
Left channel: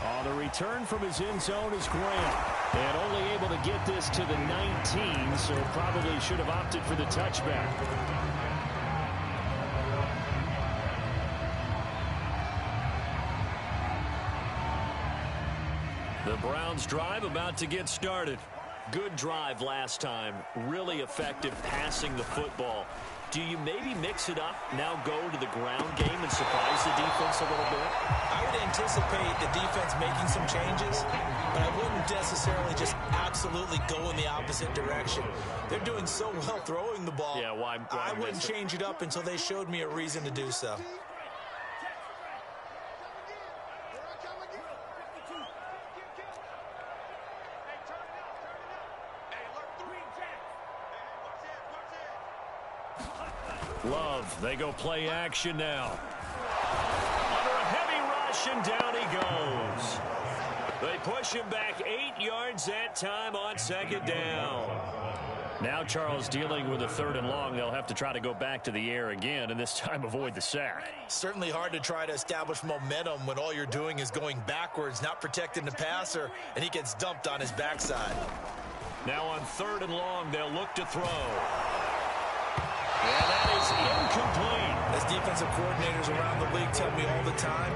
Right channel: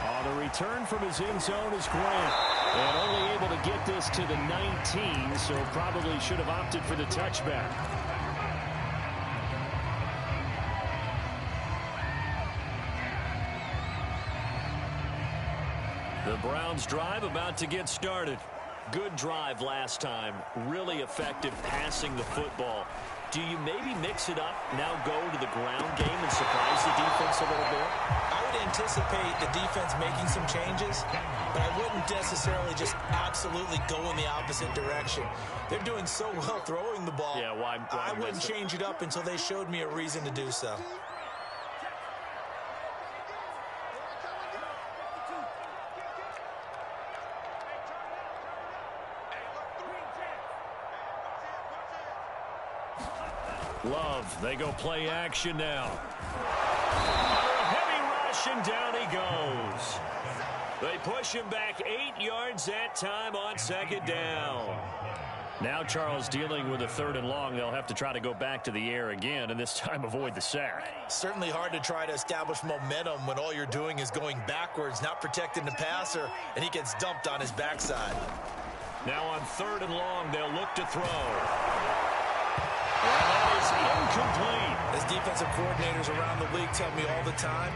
On the return from his end zone is Grant. And only able to get this to the 19, so probably should have opted for the touchback. The Browns drive about to get started. Good drive last time. Really effective passing the football. Do you maybe mix it up, now go to the ground game and surprise the defense a little bit? I would anticipate the defense making some changes, but I wouldn't necessarily just absolutely go in the opposite direction. They're doing so well throwing the ball. Yeah, why I wouldn't change it up until they showed me a reason to do so. Love, they go play action now. Under a heavy rush, and down he goes. They push him back 8 yards that time on second down. Now Charles dealing with a 3rd and long. They'll have to try to go back to the air again, and this time avoid the sack. Certainly hard to try to establish momentum when all you're doing is going backwards, not protecting the passer, and he gets dumped on his backside. Now on 3rd and long, they'll look to throw. And that is incomplete. As defensive coordinators around the league tell me all the time,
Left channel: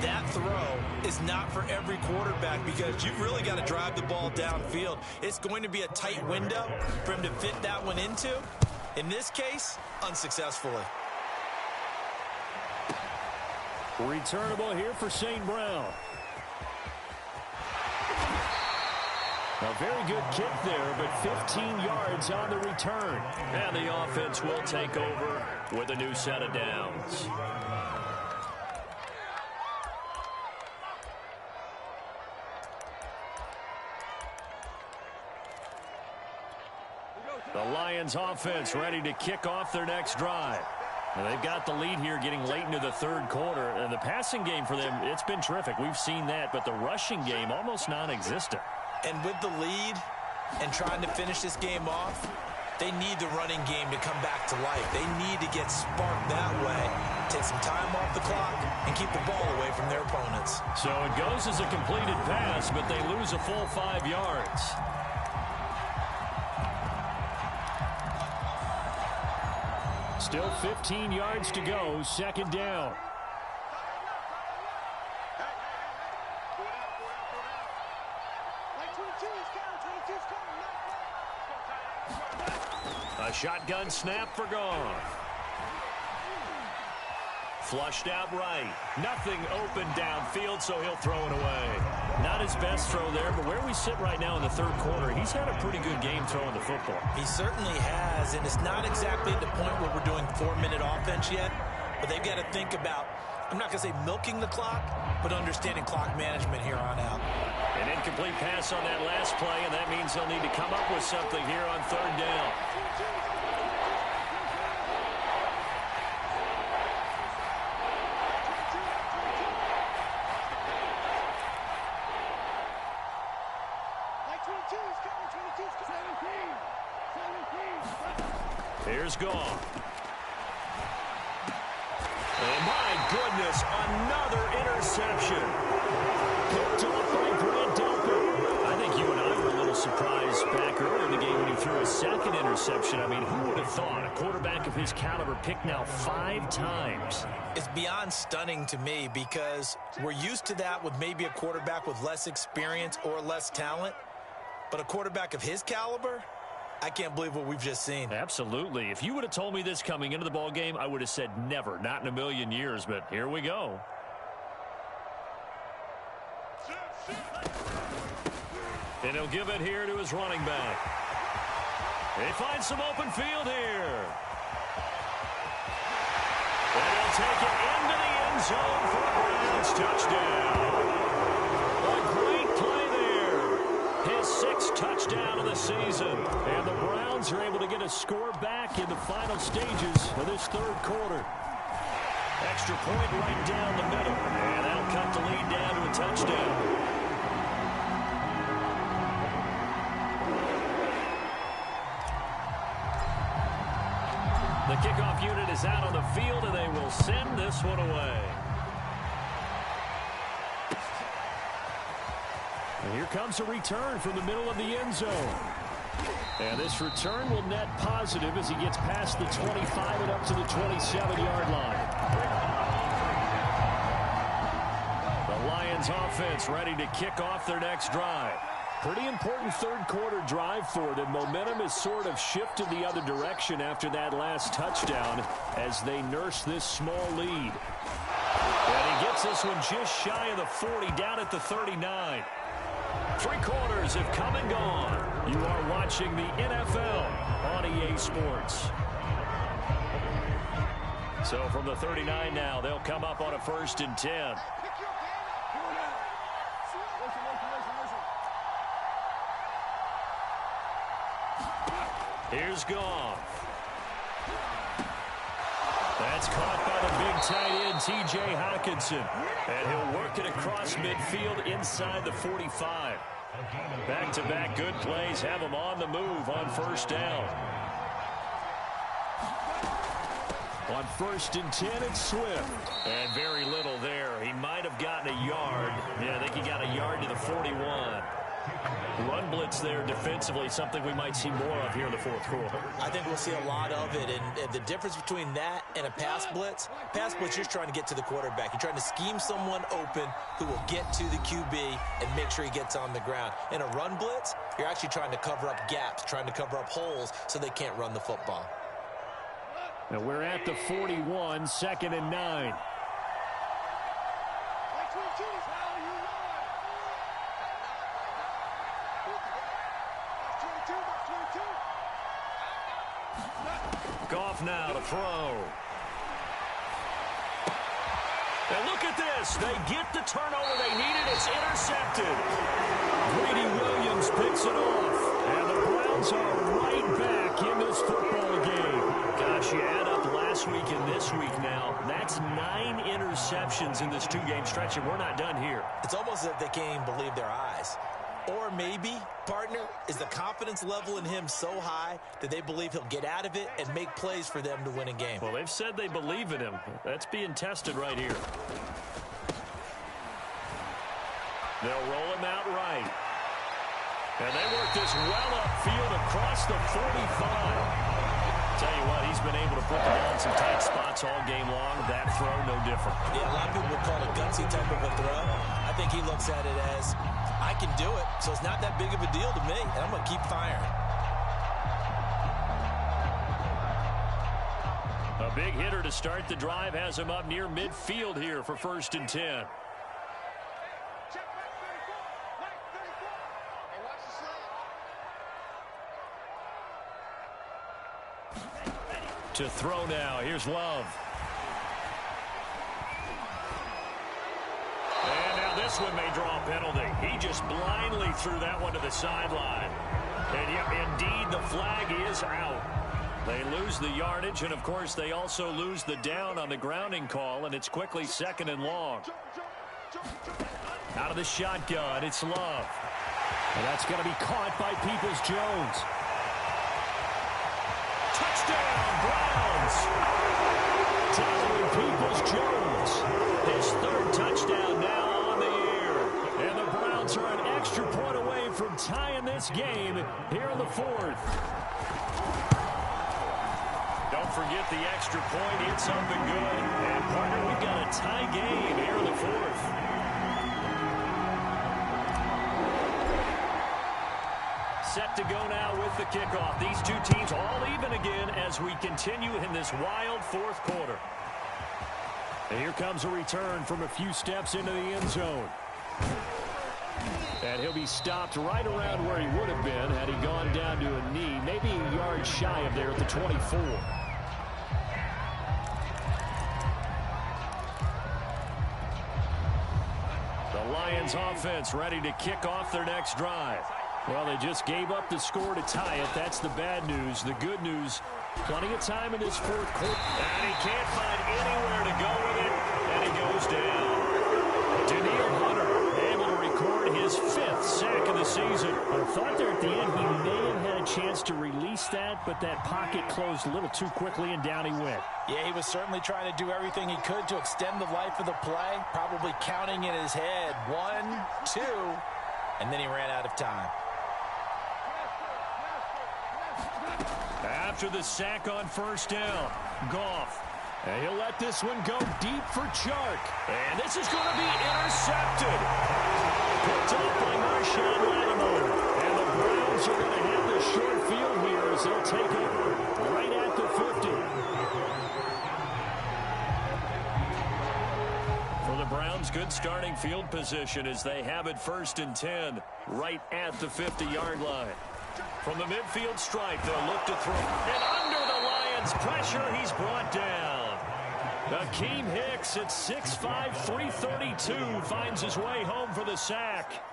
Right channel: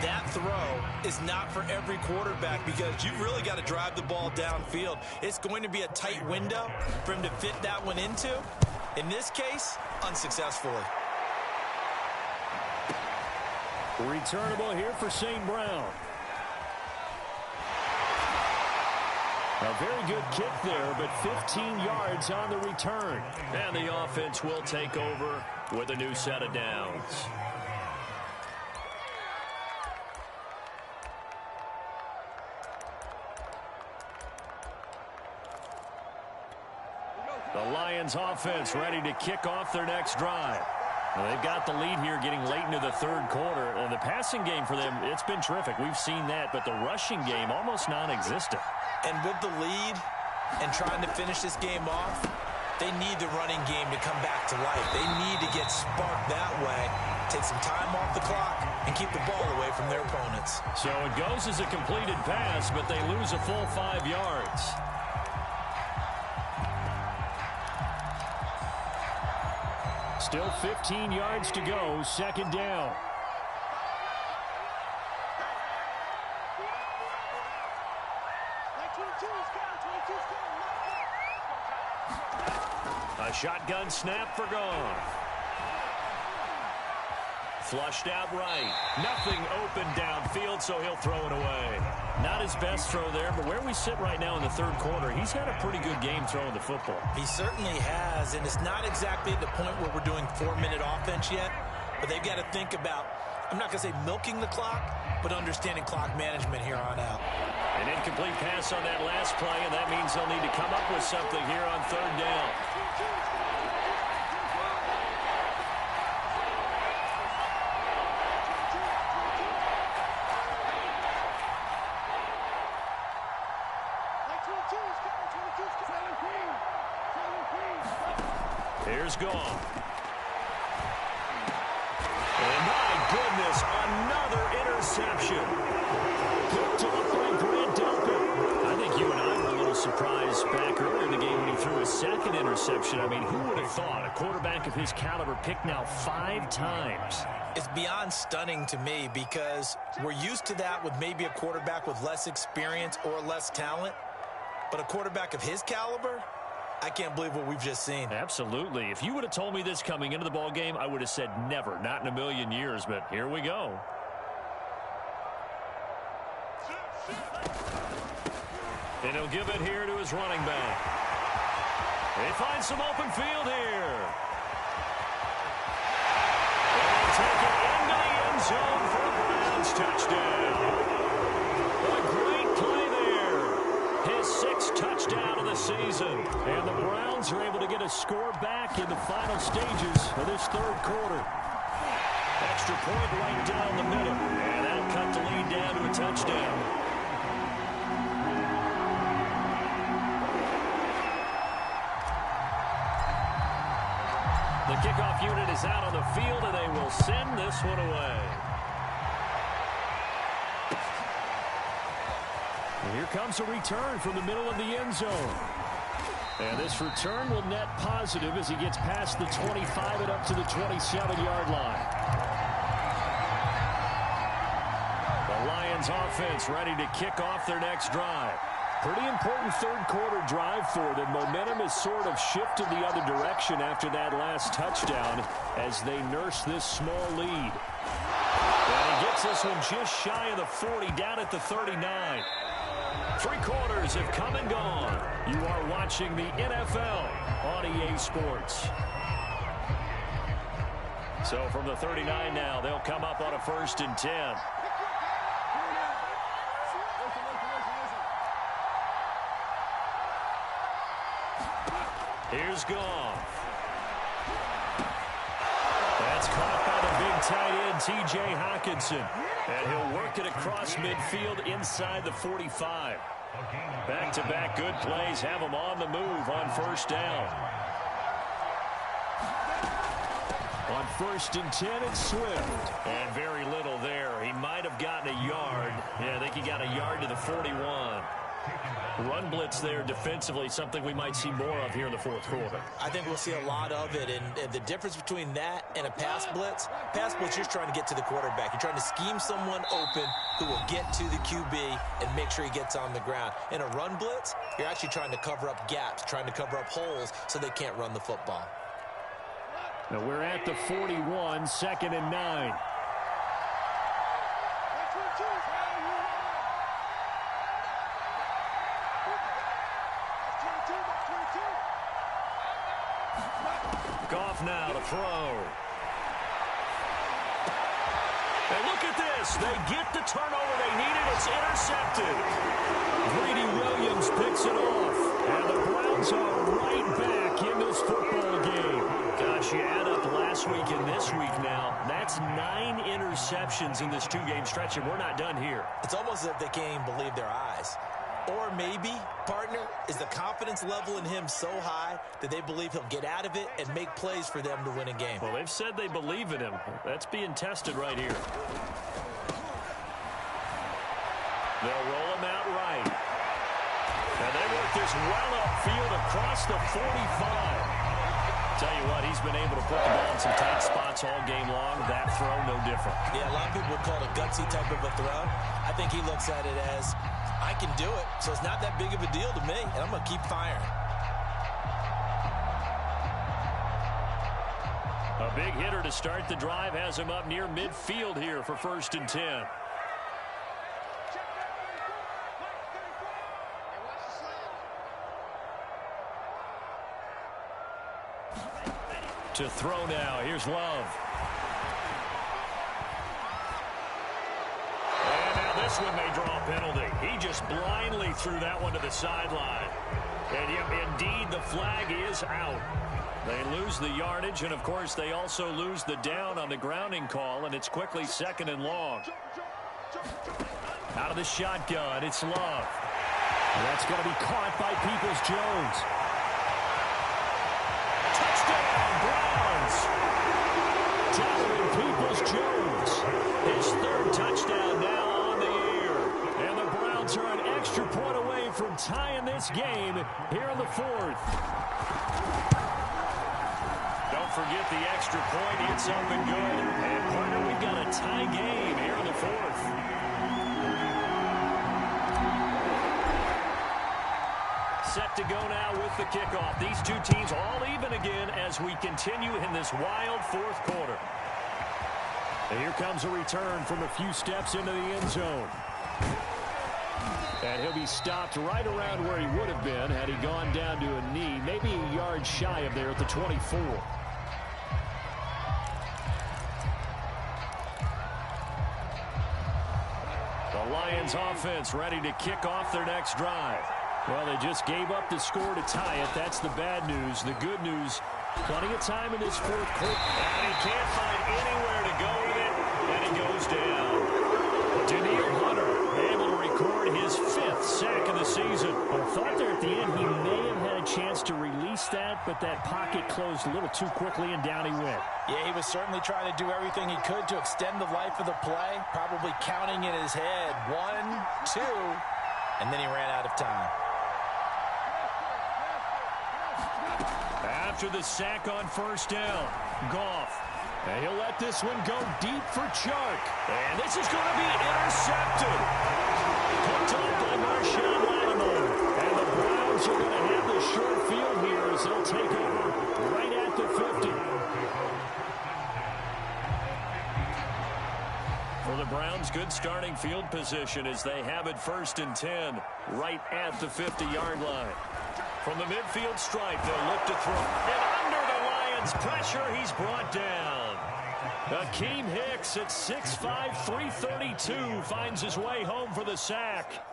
that throw is not for every quarterback because you've really got to drive the ball downfield. It's going to be a tight window for him to fit that one into. In this case, unsuccessfully. Returnable here for St. Brown. A very good kick there, but 15 yards on the return. And the offense will take over with a new set of downs. The Lions offense ready to kick off their next drive. Now they've got the lead here getting late into the 3rd quarter. And the passing game for them, it's been terrific. We've seen that, but the rushing game almost non-existent. And with the lead and trying to finish this game off, they need the running game to come back to life. They need to get sparked that way, take some time off the clock, and keep the ball away from their opponents. So it goes as a completed pass, but they lose a full 5 yards. Still 15 yards to go, 2nd down. A shotgun snap for Goff. Flushed out right. Nothing open downfield, so he'll throw it away. Not his best throw there, but where we sit right now in the 3rd quarter, he's had a pretty good game throwing the football. He certainly has, and it's not exactly at the point where we're doing 4-minute offense yet, but they've got to think about, I'm not going to say milking the clock, but understanding clock management here on out. An incomplete pass on that last play, and that means they'll need to come up with something here on 3rd down. Here's Goff. And my goodness, another interception. Picked off by Grant Delpit. I think you and I were a little surprised back earlier in the game when he threw his 2nd interception. I mean, who would have thought a quarterback of his caliber picked now 5 times? It's beyond stunning to me because we're used to that with maybe a quarterback with less experience or less talent. But a quarterback of his caliber, I can't believe what we've just seen. Absolutely. If you would have told me this coming into the ball game, I would have said never, not in a million years. But here we go. And he'll give it here to his running back. He finds some open field here. And he'll take it into the end zone for a Browns touchdown. A great play there. His 6th touchdown of the season. And the Browns are able to get a score back in the final stages of this 3rd quarter. Extra point right down the middle. And that'll cut the lead down to a touchdown. The kickoff unit is out on the field, and they will send this one away. And here comes a return from the middle of the end zone. And this return will net positive as he gets past the 25 and up to the 27-yard line. The Lions offense ready to kick off their next drive. Pretty important 3rd quarter drive for them. Momentum has sort of shifted the other direction after that last touchdown as they nurse this small lead. And he gets this one just shy of the 40, down at the 39. 3 quarters have come and gone. You are watching the NFL on EA Sports. So from the 39 now, they'll come up on a 1st and 10. Here's Goff. That's caught by the big tight end, T.J. Hockenson. And he'll work it across midfield inside the 45. Back-to-back good plays have him on the move on 1st down. On 1st and 10, it's Swift. And very little there. He might have gotten a yard. Yeah, I think he got a yard to the 41. Run blitz there defensively, something we might see more of here in the 4th quarter. I think we'll see a lot of it, and the difference between that and a pass blitz, you're trying to get to the quarterback. You're trying to scheme someone open who will get to the QB and make sure he gets on the ground. In a run blitz, you're actually trying to cover up gaps, trying to cover up holes so they can't run the football. Now we're at the 41, 2nd and 9. Goff now to throw. And look at this. They get the turnover they needed. It's intercepted. Greedy Williams picks it off. And the Browns are right back in this football game. Gosh, you add up last week and this week now. That's 9 interceptions in this 2-game stretch, and we're not done here. It's almost as if they can't even believe their eyes. Or maybe, partner, is the confidence level in him so high that they believe he'll get out of it and make plays for them to win a game. Well, they've said they believe in him. That's being tested right here. They'll roll him out right. And they work this well upfield across the 45. Tell you what, he's been able to put the ball in some tight spots all game long. That throw, no different. Yeah, a lot of people would call it a gutsy type of a throw. I think he looks at it as, I can do it, so it's not that big of a deal to me, and I'm going to keep firing. A big hitter to start the drive has him up near midfield here for 1st and 10. To throw now. Here's Love. And now this one may draw a penalty. He just blindly threw that one to the sideline. And yep, indeed, the flag is out. They lose the yardage, and of course, they also lose the down on the grounding call, and it's quickly 2nd and long. Out of the shotgun, it's Love. And that's going to be caught by Peoples-Jones. Touchdown, Browns! Donovan Peoples-Jones. His 3rd touchdown now on the air. And the Browns are an extra point away from tying this game here in the 4th. Don't forget the extra point. It's up and good. And, partner, we've got a tie game here in the 4th. Set to go now with the kickoff. These two teams all even again as we continue in this wild 4th quarter. And here comes a return from a few steps into the end zone. And he'll be stopped right around where he would have been had he gone down to a knee, maybe a yard shy of there at the 24. The Lions offense ready to kick off their next drive. Well, they just gave up the score to tie it. That's the bad news. The good news, plenty of time in this fourth quarter. And he can't find anywhere to go with it, and he goes down. Danielle Hunter able to record his 5th sack of the season. I thought there at the end he may have had a chance to release that, but that pocket closed a little too quickly, and down he went. Yeah, he was certainly trying to do everything he could to extend the life of the play, probably counting in his head 1, 2, and then he ran out of time. After the sack on first down, Goff. And he'll let this one go deep for Chark. And this is going to be intercepted. Picked off by Marshawn Lattimore. And the Browns are going to have the short field here as they'll take over right at the 50. For the Browns, good starting field position as they have it 1st and 10 right at the 50-yard line. From the midfield stripe, they'll look to throw. And under the Lions' pressure, he's brought down. Akeem Hicks at 6'5", 332 finds his way home for the sack.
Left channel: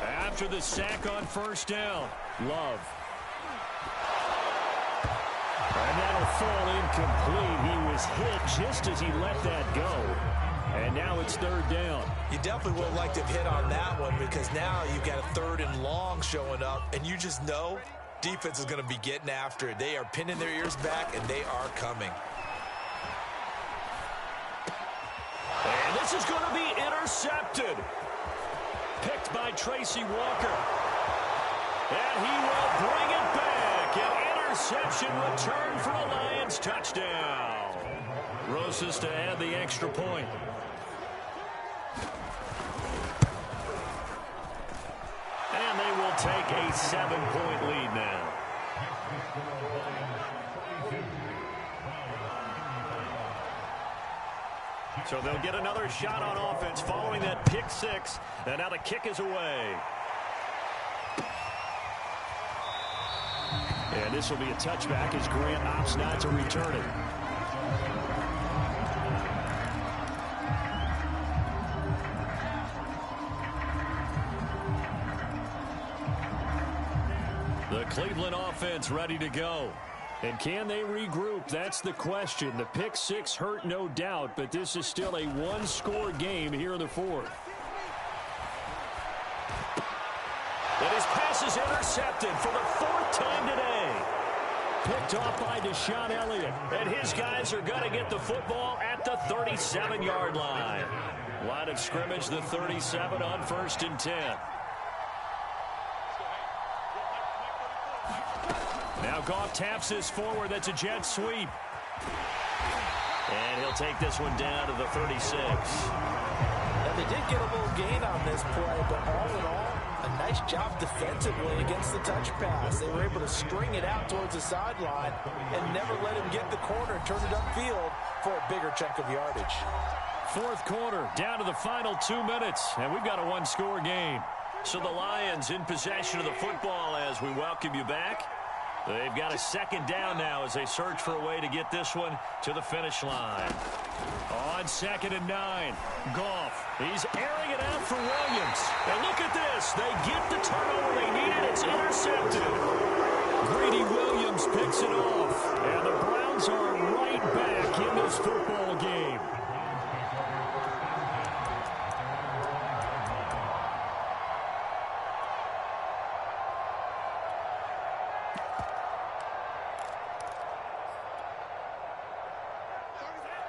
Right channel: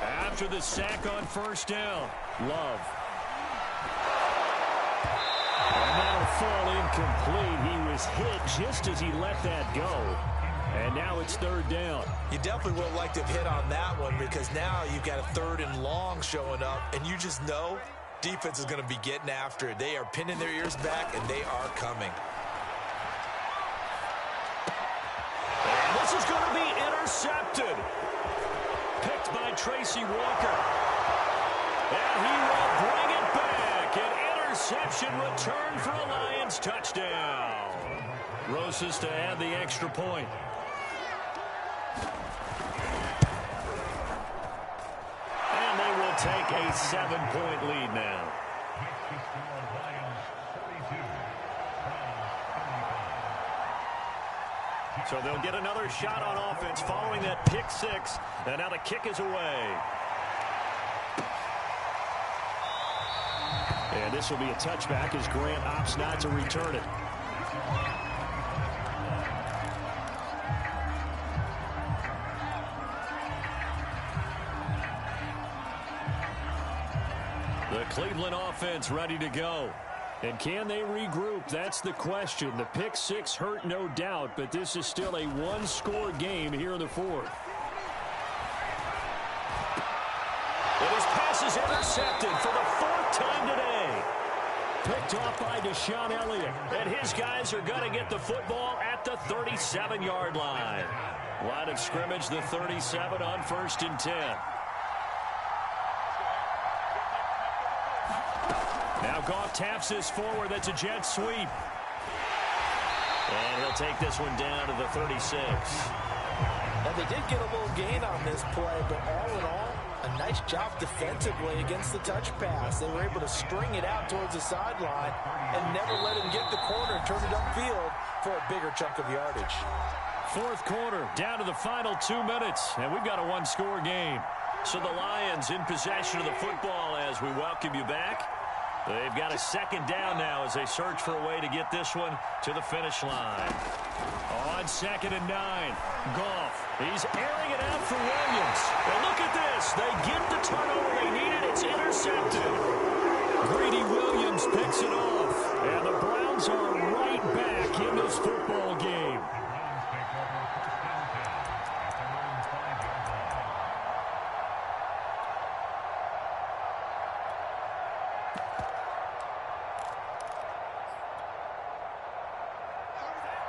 After the sack on first down, Love. And that'll fall incomplete. He was hit just as he let that go. And now it's 3rd down. You definitely would have liked to have hit on that one because now you've got a 3rd and long showing up, and you just know defense is going to be getting after it. They are pinning their ears back, and they are coming. And this is going to be intercepted. Picked by Tracy Walker. And he will bring it back. An interception return for a Lions touchdown. Rosas to add the extra point. And they will take a 7-point lead now. So they'll get another shot on offense following that pick 6. And now the kick is away. And this will be a touchback as Grant opts not to return it. The Cleveland offense ready to go. And can they regroup? That's the question. The pick 6 hurt, no doubt, but this is still a one-score game here in the 4th. And his pass is intercepted for the 4th time today. Picked off by Deshaun Elliott. And his guys are going to get the football at the 37-yard line. Line of scrimmage, the 37 on 1st and 10. Now Goff taps this forward. That's a jet sweep. And he'll take this one down to the 36. Now, they did get a little gain on this play, but all in all, a nice job defensively against the touch pass. They were able to string it out towards the sideline and never let him get the corner and turn it upfield for a bigger chunk of yardage. 4th quarter, down to the final 2 minutes, and we've got a one-score game. So the Lions in possession of the football as we welcome you back. They've got a 2nd down now as they search for a way to get this one to the finish line. On 2nd and 9, Goff. He's airing it out for Williams. And look at this. They get the turnover they needed. It's intercepted. Greedy Williams picks it off. And the Browns are right back in this football game.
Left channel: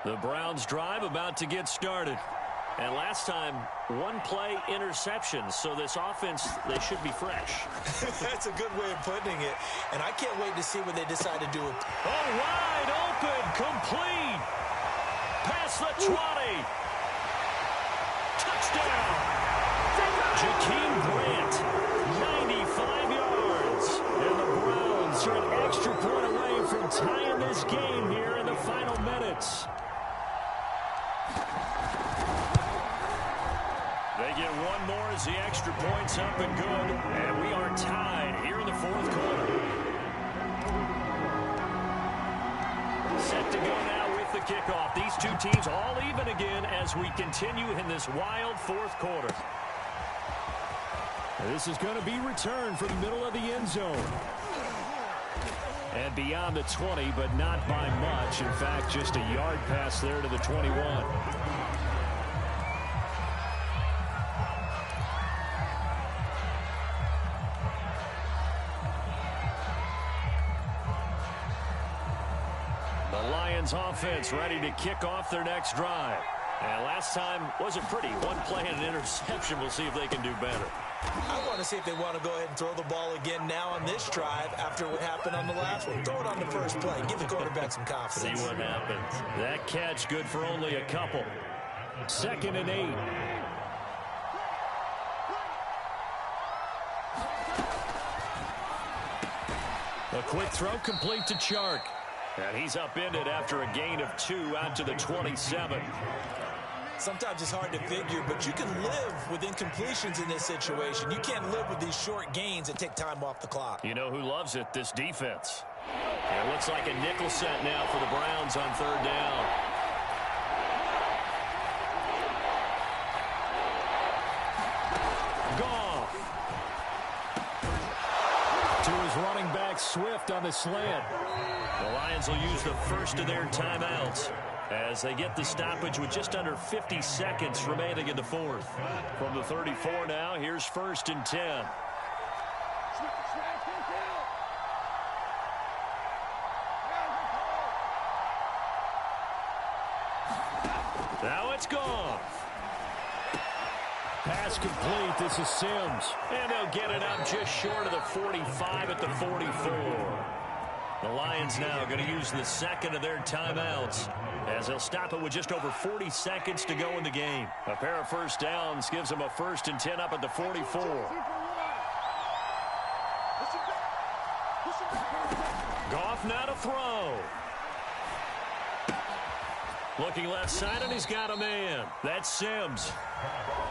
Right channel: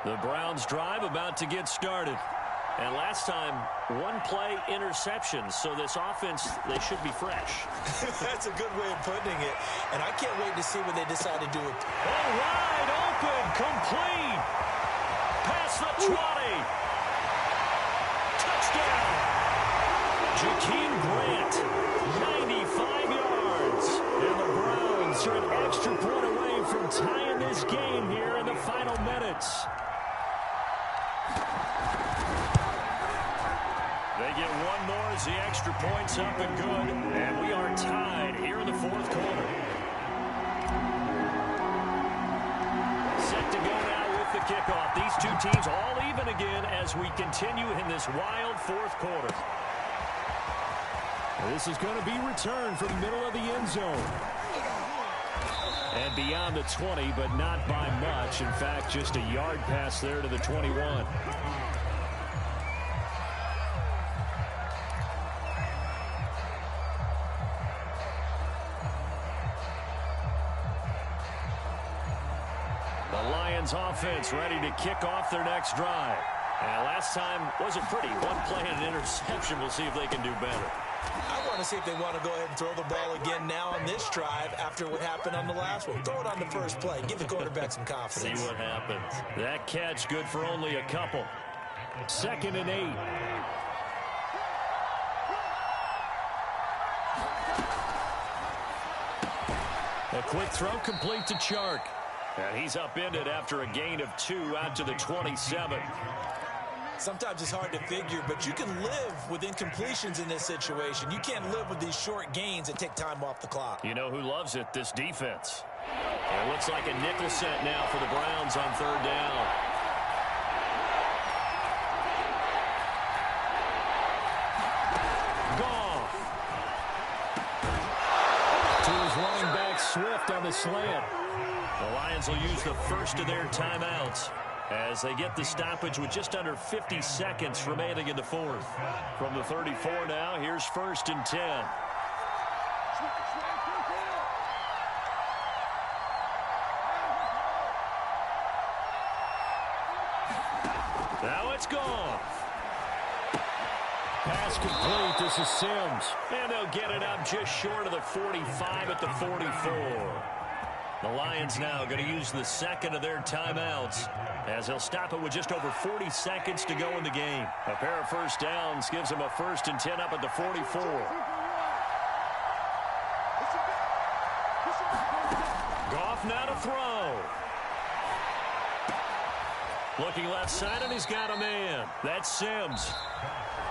The Browns drive about to get started. And last time, 1-play interception. So this offense, they should be fresh. That's a good way of putting it. And I can't wait to see what they decide to do with. Oh, wide open, complete. Past the 20. Touchdown. Jakeem Grant, 95 yards. And the Browns are an extra point away from tying this game here in the final minutes. They get one more as the extra point's up and good. And we are tied here in the fourth quarter. Set to go now with the kickoff. These two teams all even again as we continue in this wild fourth quarter. This is going to be returned from the middle of the end zone. And beyond the 20, but not by much. In fact, just a yard pass there to the 21. The Lions offense ready to kick off their next drive. And last time wasn't pretty. One play and an interception. We'll see if they can do better. I want to see if they want to go ahead and throw the ball again now on this drive after what happened on the last one. Throw it on the first play. Give the quarterback some confidence. See what happens. That catch good for only a couple. 2nd and 8. A quick throw complete to Chark. And he's upended after a gain of 2 out to the 27. Sometimes it's hard to figure, but you can live with incompletions in this situation. You can't live with these short gains that take time off the clock. You know who loves it? This defense. It looks like a nickel set now for the Browns on 3rd down. Goff. To his running back, Swift on the slant. The Lions will use the first of their timeouts as they get the stoppage with just under 50 seconds remaining in the fourth. From the 34 now, here's 1st and 10. Now it's gone. Pass complete. This is Sims. And they'll get it up just short of the 45 at the 44. The Lions now going to use the second of their timeouts as they'll stop it with just over 40 seconds to go in the game. A pair of first downs gives them a 1st and 10 up at the 44. Goff now to throw. Looking left side, and he's got a man. That's Sims.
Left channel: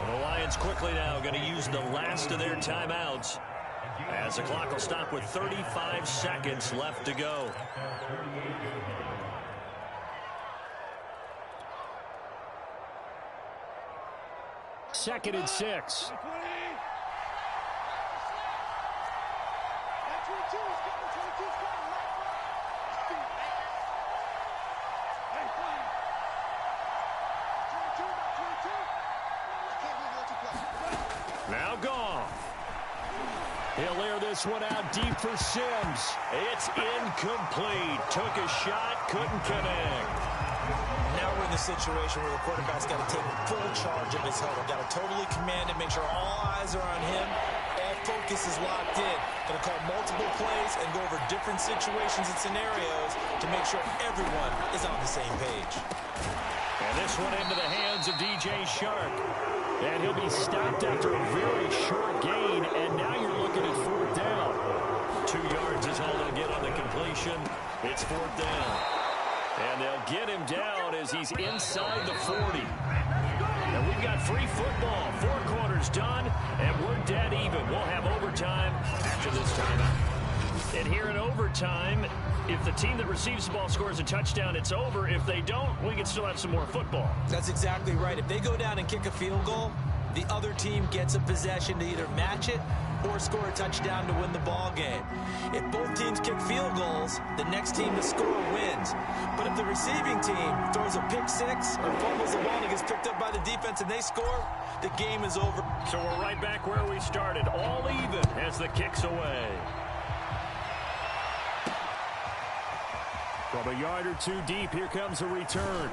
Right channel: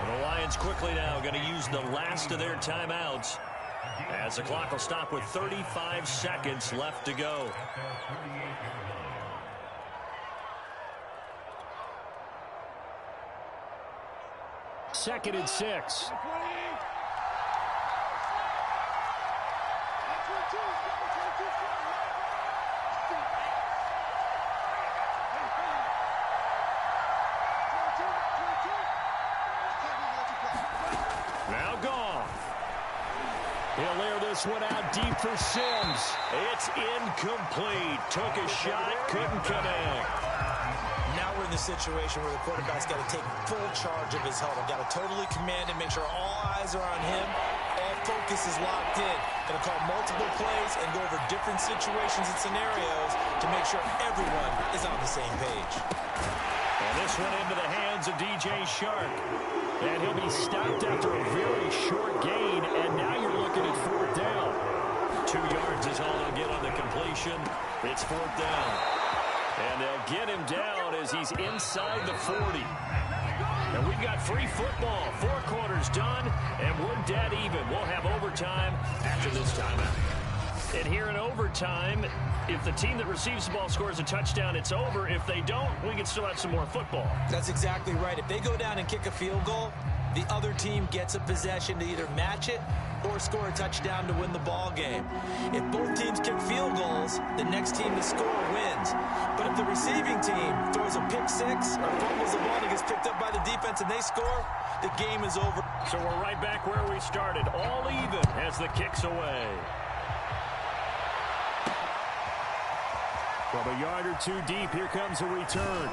And the Lions quickly now going to use the last of their timeouts as the clock will stop with 35 seconds left to go. Second and 6. Now Goff. He'll air this one out deep for Sims. It's incomplete. Took a shot, couldn't connect. Now we're in the situation where the quarterback's got to take full charge of his huddle. Got to totally command it, make sure all eyes are on him. All focus is locked in. Going to call multiple plays and go over different situations and scenarios to make sure everyone is on the same page. And this one into the hands of DJ Chark. And he'll be stopped after a very short gain. And now you're looking at 4th down. 2 yards is all they'll get on the completion. It's 4th down. And they'll get him down as he's inside the 40. And we've got free football. 4 quarters done, and we're dead even. We'll have overtime after this timeout. And here in overtime, if the team that receives the ball scores a touchdown, it's over. If they don't, we can still have some more football. That's exactly right. If they go down and kick a field goal, the other team gets a possession to either match it or score a touchdown to win the ball game. If both teams kick field goals, the next team to score wins. But if the receiving team throws a pick six or fumbles the ball and it gets picked up by the defense and they score, the game is over. So we're right back where we started, all even as the kick's away. From a yard or 2 deep, here comes a return.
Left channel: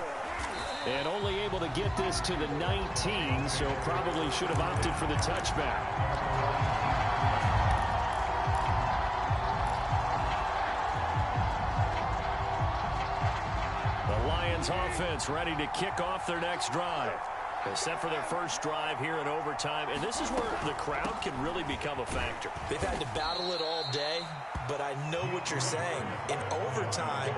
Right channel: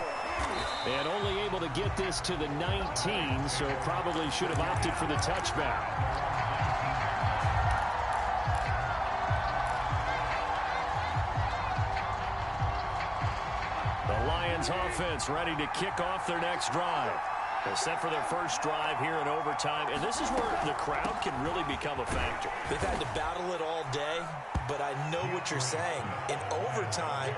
And only able to get this to the 19, so probably should have opted for the touchback. The Lions offense ready to kick off their next drive. They're set for their first drive here in overtime, and this is where the crowd can really become a factor. They've had to battle it all day, but I know what you're saying. In overtime,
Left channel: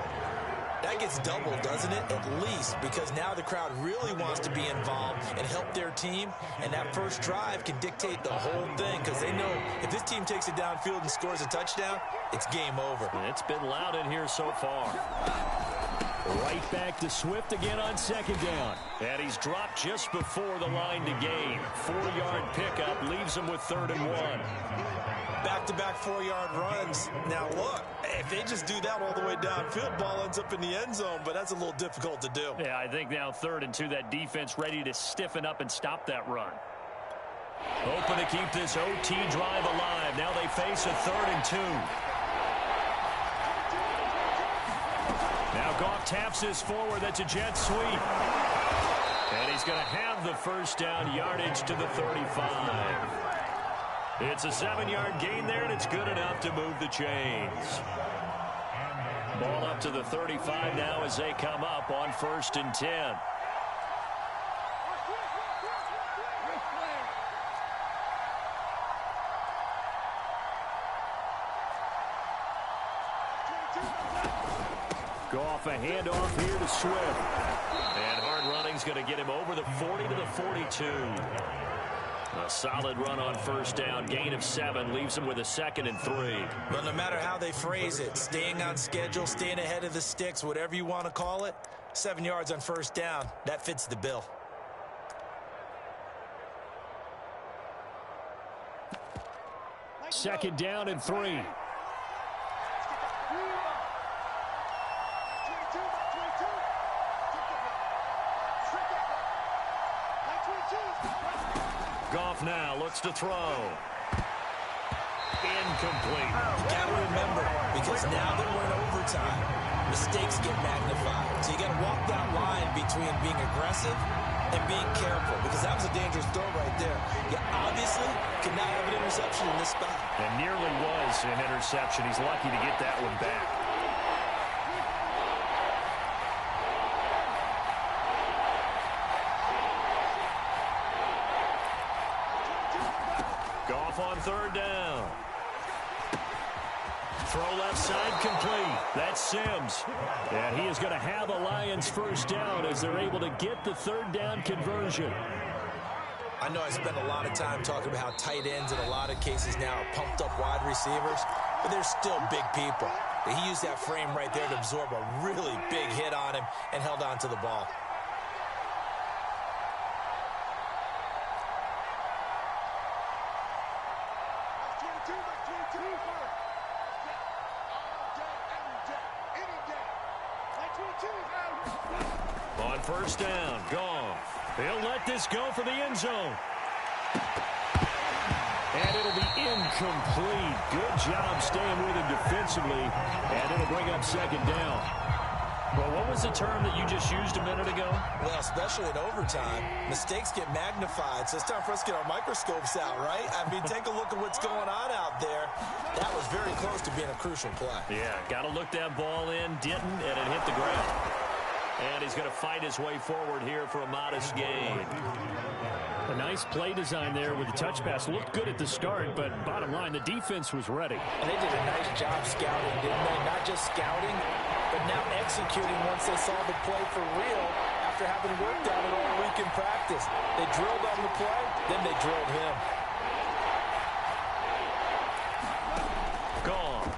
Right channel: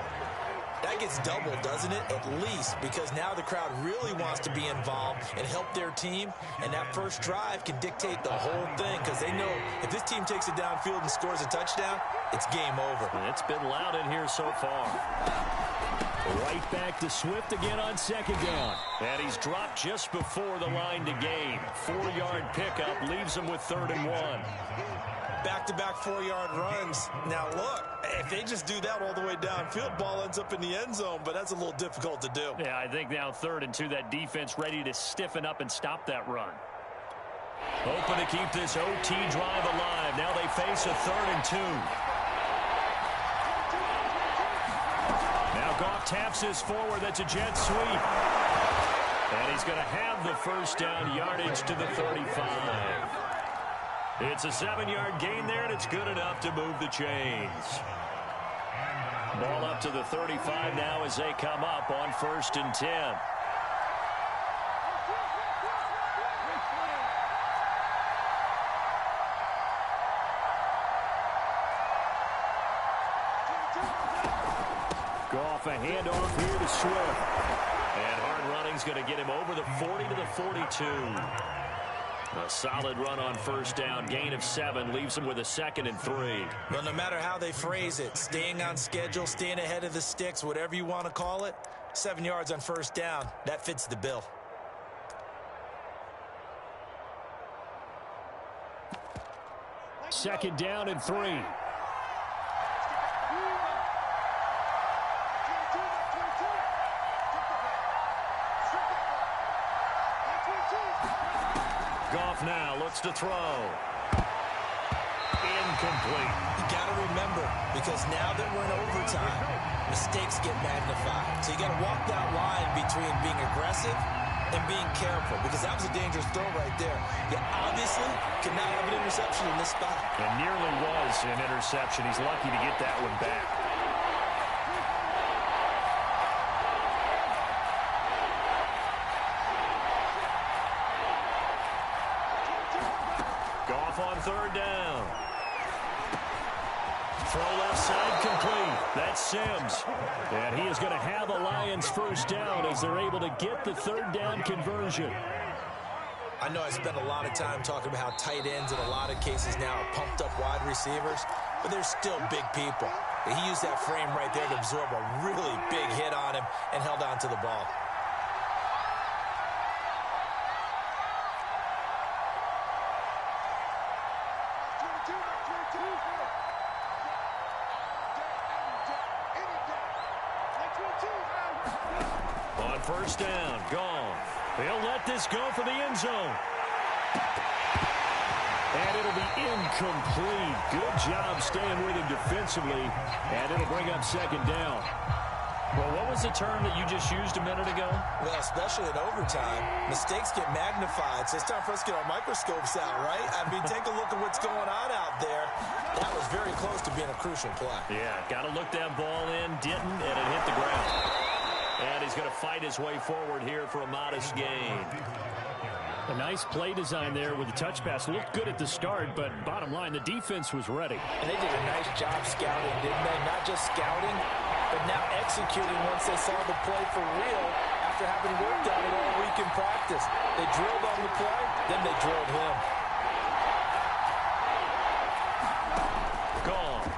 That gets doubled, doesn't it? At least, because now the crowd really wants to be involved and help their team, and that first drive can dictate the whole thing because they know if this team takes it downfield and scores a touchdown, it's game over. It's been loud in here so far. Right back to Swift again on second down. And he's dropped just before the line to gain. 4-yard pickup leaves him with 3rd and 1. Back-to-back 4-yard runs. Now, look, if they just do that all the way downfield, ball ends up in the end zone, but that's a little difficult to do. Yeah, I think now 3rd and 2, that defense ready to stiffen up and stop that run. Hoping to keep this OT drive alive. Now they face a 3rd and 2. Now Goff taps this forward. That's a jet sweep. And he's going to have the first down, yardage to the 35. It's a 7-yard gain there, and it's good enough to move the chains. Ball up to the 35 now as they come up on 1st and 10. Goff, a handoff here to Swift. And hard running's going to get him over the 40 to the 42. A solid run on 1st down. Gain of 7 leaves him with a 2nd and 3. But no matter how they phrase it, staying on schedule, staying ahead of the sticks, whatever you want to call it, 7 yards on 1st down, that fits the bill. Second down and 3. Goff now looks to throw. Incomplete. You got to remember, because now that we're in overtime, mistakes get magnified. So you got to walk that line between being aggressive and being careful, because that was a dangerous throw right there. You obviously could not have an interception in this spot. And nearly was an interception. He's lucky to get that one back. Goff on 3rd down. Throw left side complete. That's Sims. And he is going to have a Lions first down as they're able to get the 3rd down conversion. I know I spent a lot of time talking about how tight ends in a lot of cases now are pumped up wide receivers, but they're still big people. He used that frame right there to absorb a really big hit on him and held on to the ball. On 1st down, Goff. He'll let this go for the end zone. And it'll be incomplete. Good job staying with him defensively. And it'll bring up 2nd down. Well, what was the term that you just used a minute ago? Well, especially in overtime, mistakes get magnified. So it's time for us to get our microscopes out, right? I mean, take a look at what's going on out there. That was very close to being a crucial play. Yeah, got to look that ball in, didn't, and it hit the ground. And he's going to fight his way forward here for a modest gain. A nice play design there with the touch pass. Looked good at the start, but bottom line, the defense was ready. And they did a nice job scouting, didn't they? Not just scouting, but now executing once they saw the play for real after having worked on it all week in practice. They drilled on the play, then they drilled him. Gone.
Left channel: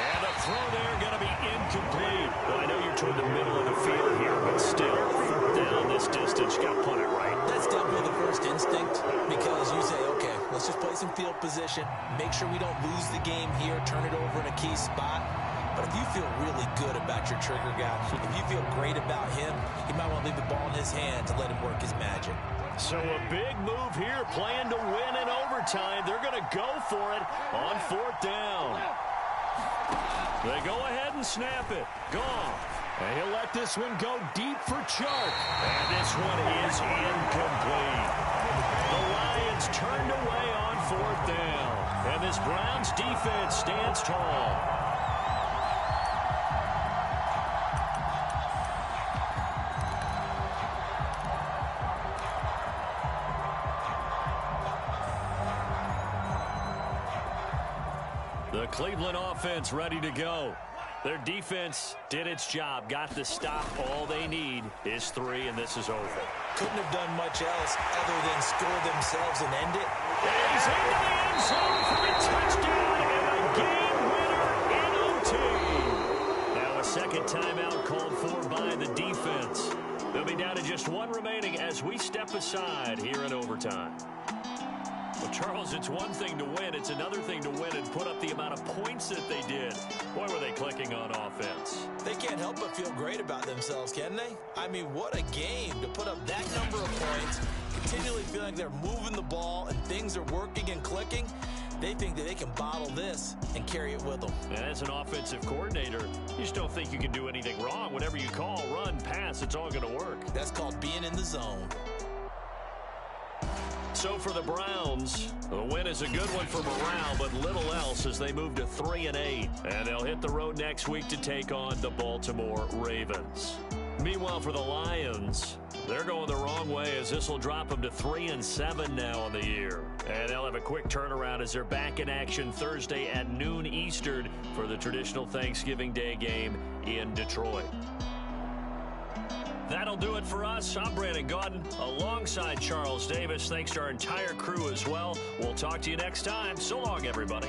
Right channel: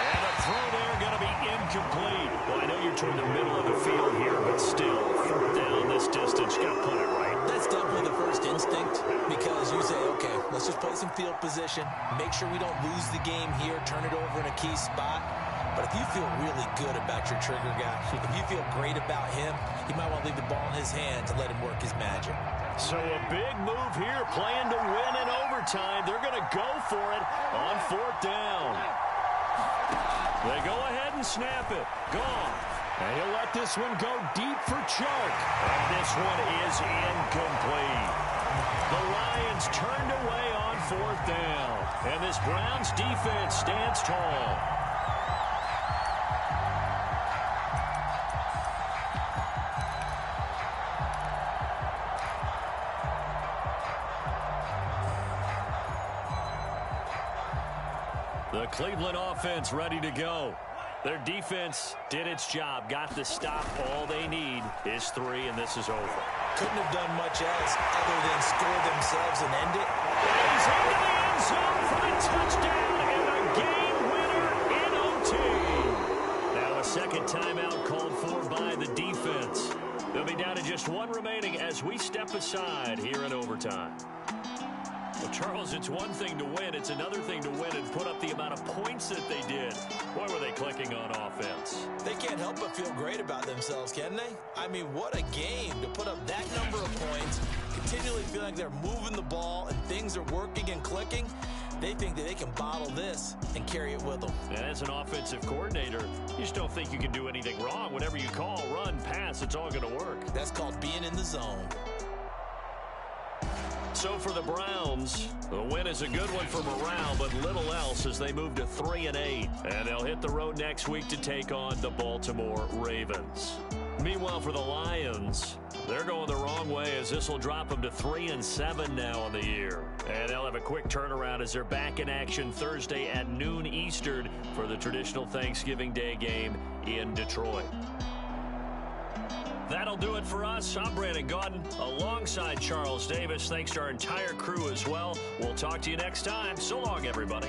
And a throw there going to be incomplete. Well, I know you're toward the middle of the field here, but still, 4th down this distance, you got to punt it right. That's definitely the first instinct, because you say, okay, let's just play some field position, make sure we don't lose the game here, turn it over in a key spot. But if you feel really good about your trigger guy, if you feel great about him, you might want to leave the ball in his hands and let him work his magic. So a big move here, playing to win in overtime. They're going to go for it on 4th down. They go ahead and snap it. Goff. And he'll let this one go deep for Chark. And this one is incomplete. The Lions turned away on 4th down. And this Browns defense stands tall. The Cleveland offense ready to go. Their defense did its job, got the stop. All they need is 3, and this is over. Couldn't have done much else other than score themselves and end it. And he's into the end zone for the touchdown and a game winner in OT. Now a second timeout called for by the defense. They'll be down to just 1 remaining as we step aside here in overtime. Well, Charles, it's one thing to win. It's another thing to win and put up the amount of points that they did. Boy, were they clicking on offense. They can't help but feel great about themselves, can they? I mean, what a game to put up that number of points, continually feeling like they're moving the ball and things are working and clicking. They think that they can bottle this and carry it with them. And as an offensive coordinator, you just don't think you can do anything wrong. Whatever you call, run, pass, it's all going to work. That's called being in the zone. So for the Browns, the win is a good one for morale, but little else as they move to 3-8. And they'll hit the road next week to take on the Baltimore Ravens. Meanwhile, for the Lions, they're going the wrong way as this will drop them to 3-7 now on the year. And they'll have a quick turnaround as they're back in action Thursday at noon Eastern for the traditional Thanksgiving Day game in Detroit. That'll do it for us. I'm Brandon Gaudin alongside Charles Davis. Thanks to our entire crew as well. We'll talk to you next time. So long, everybody.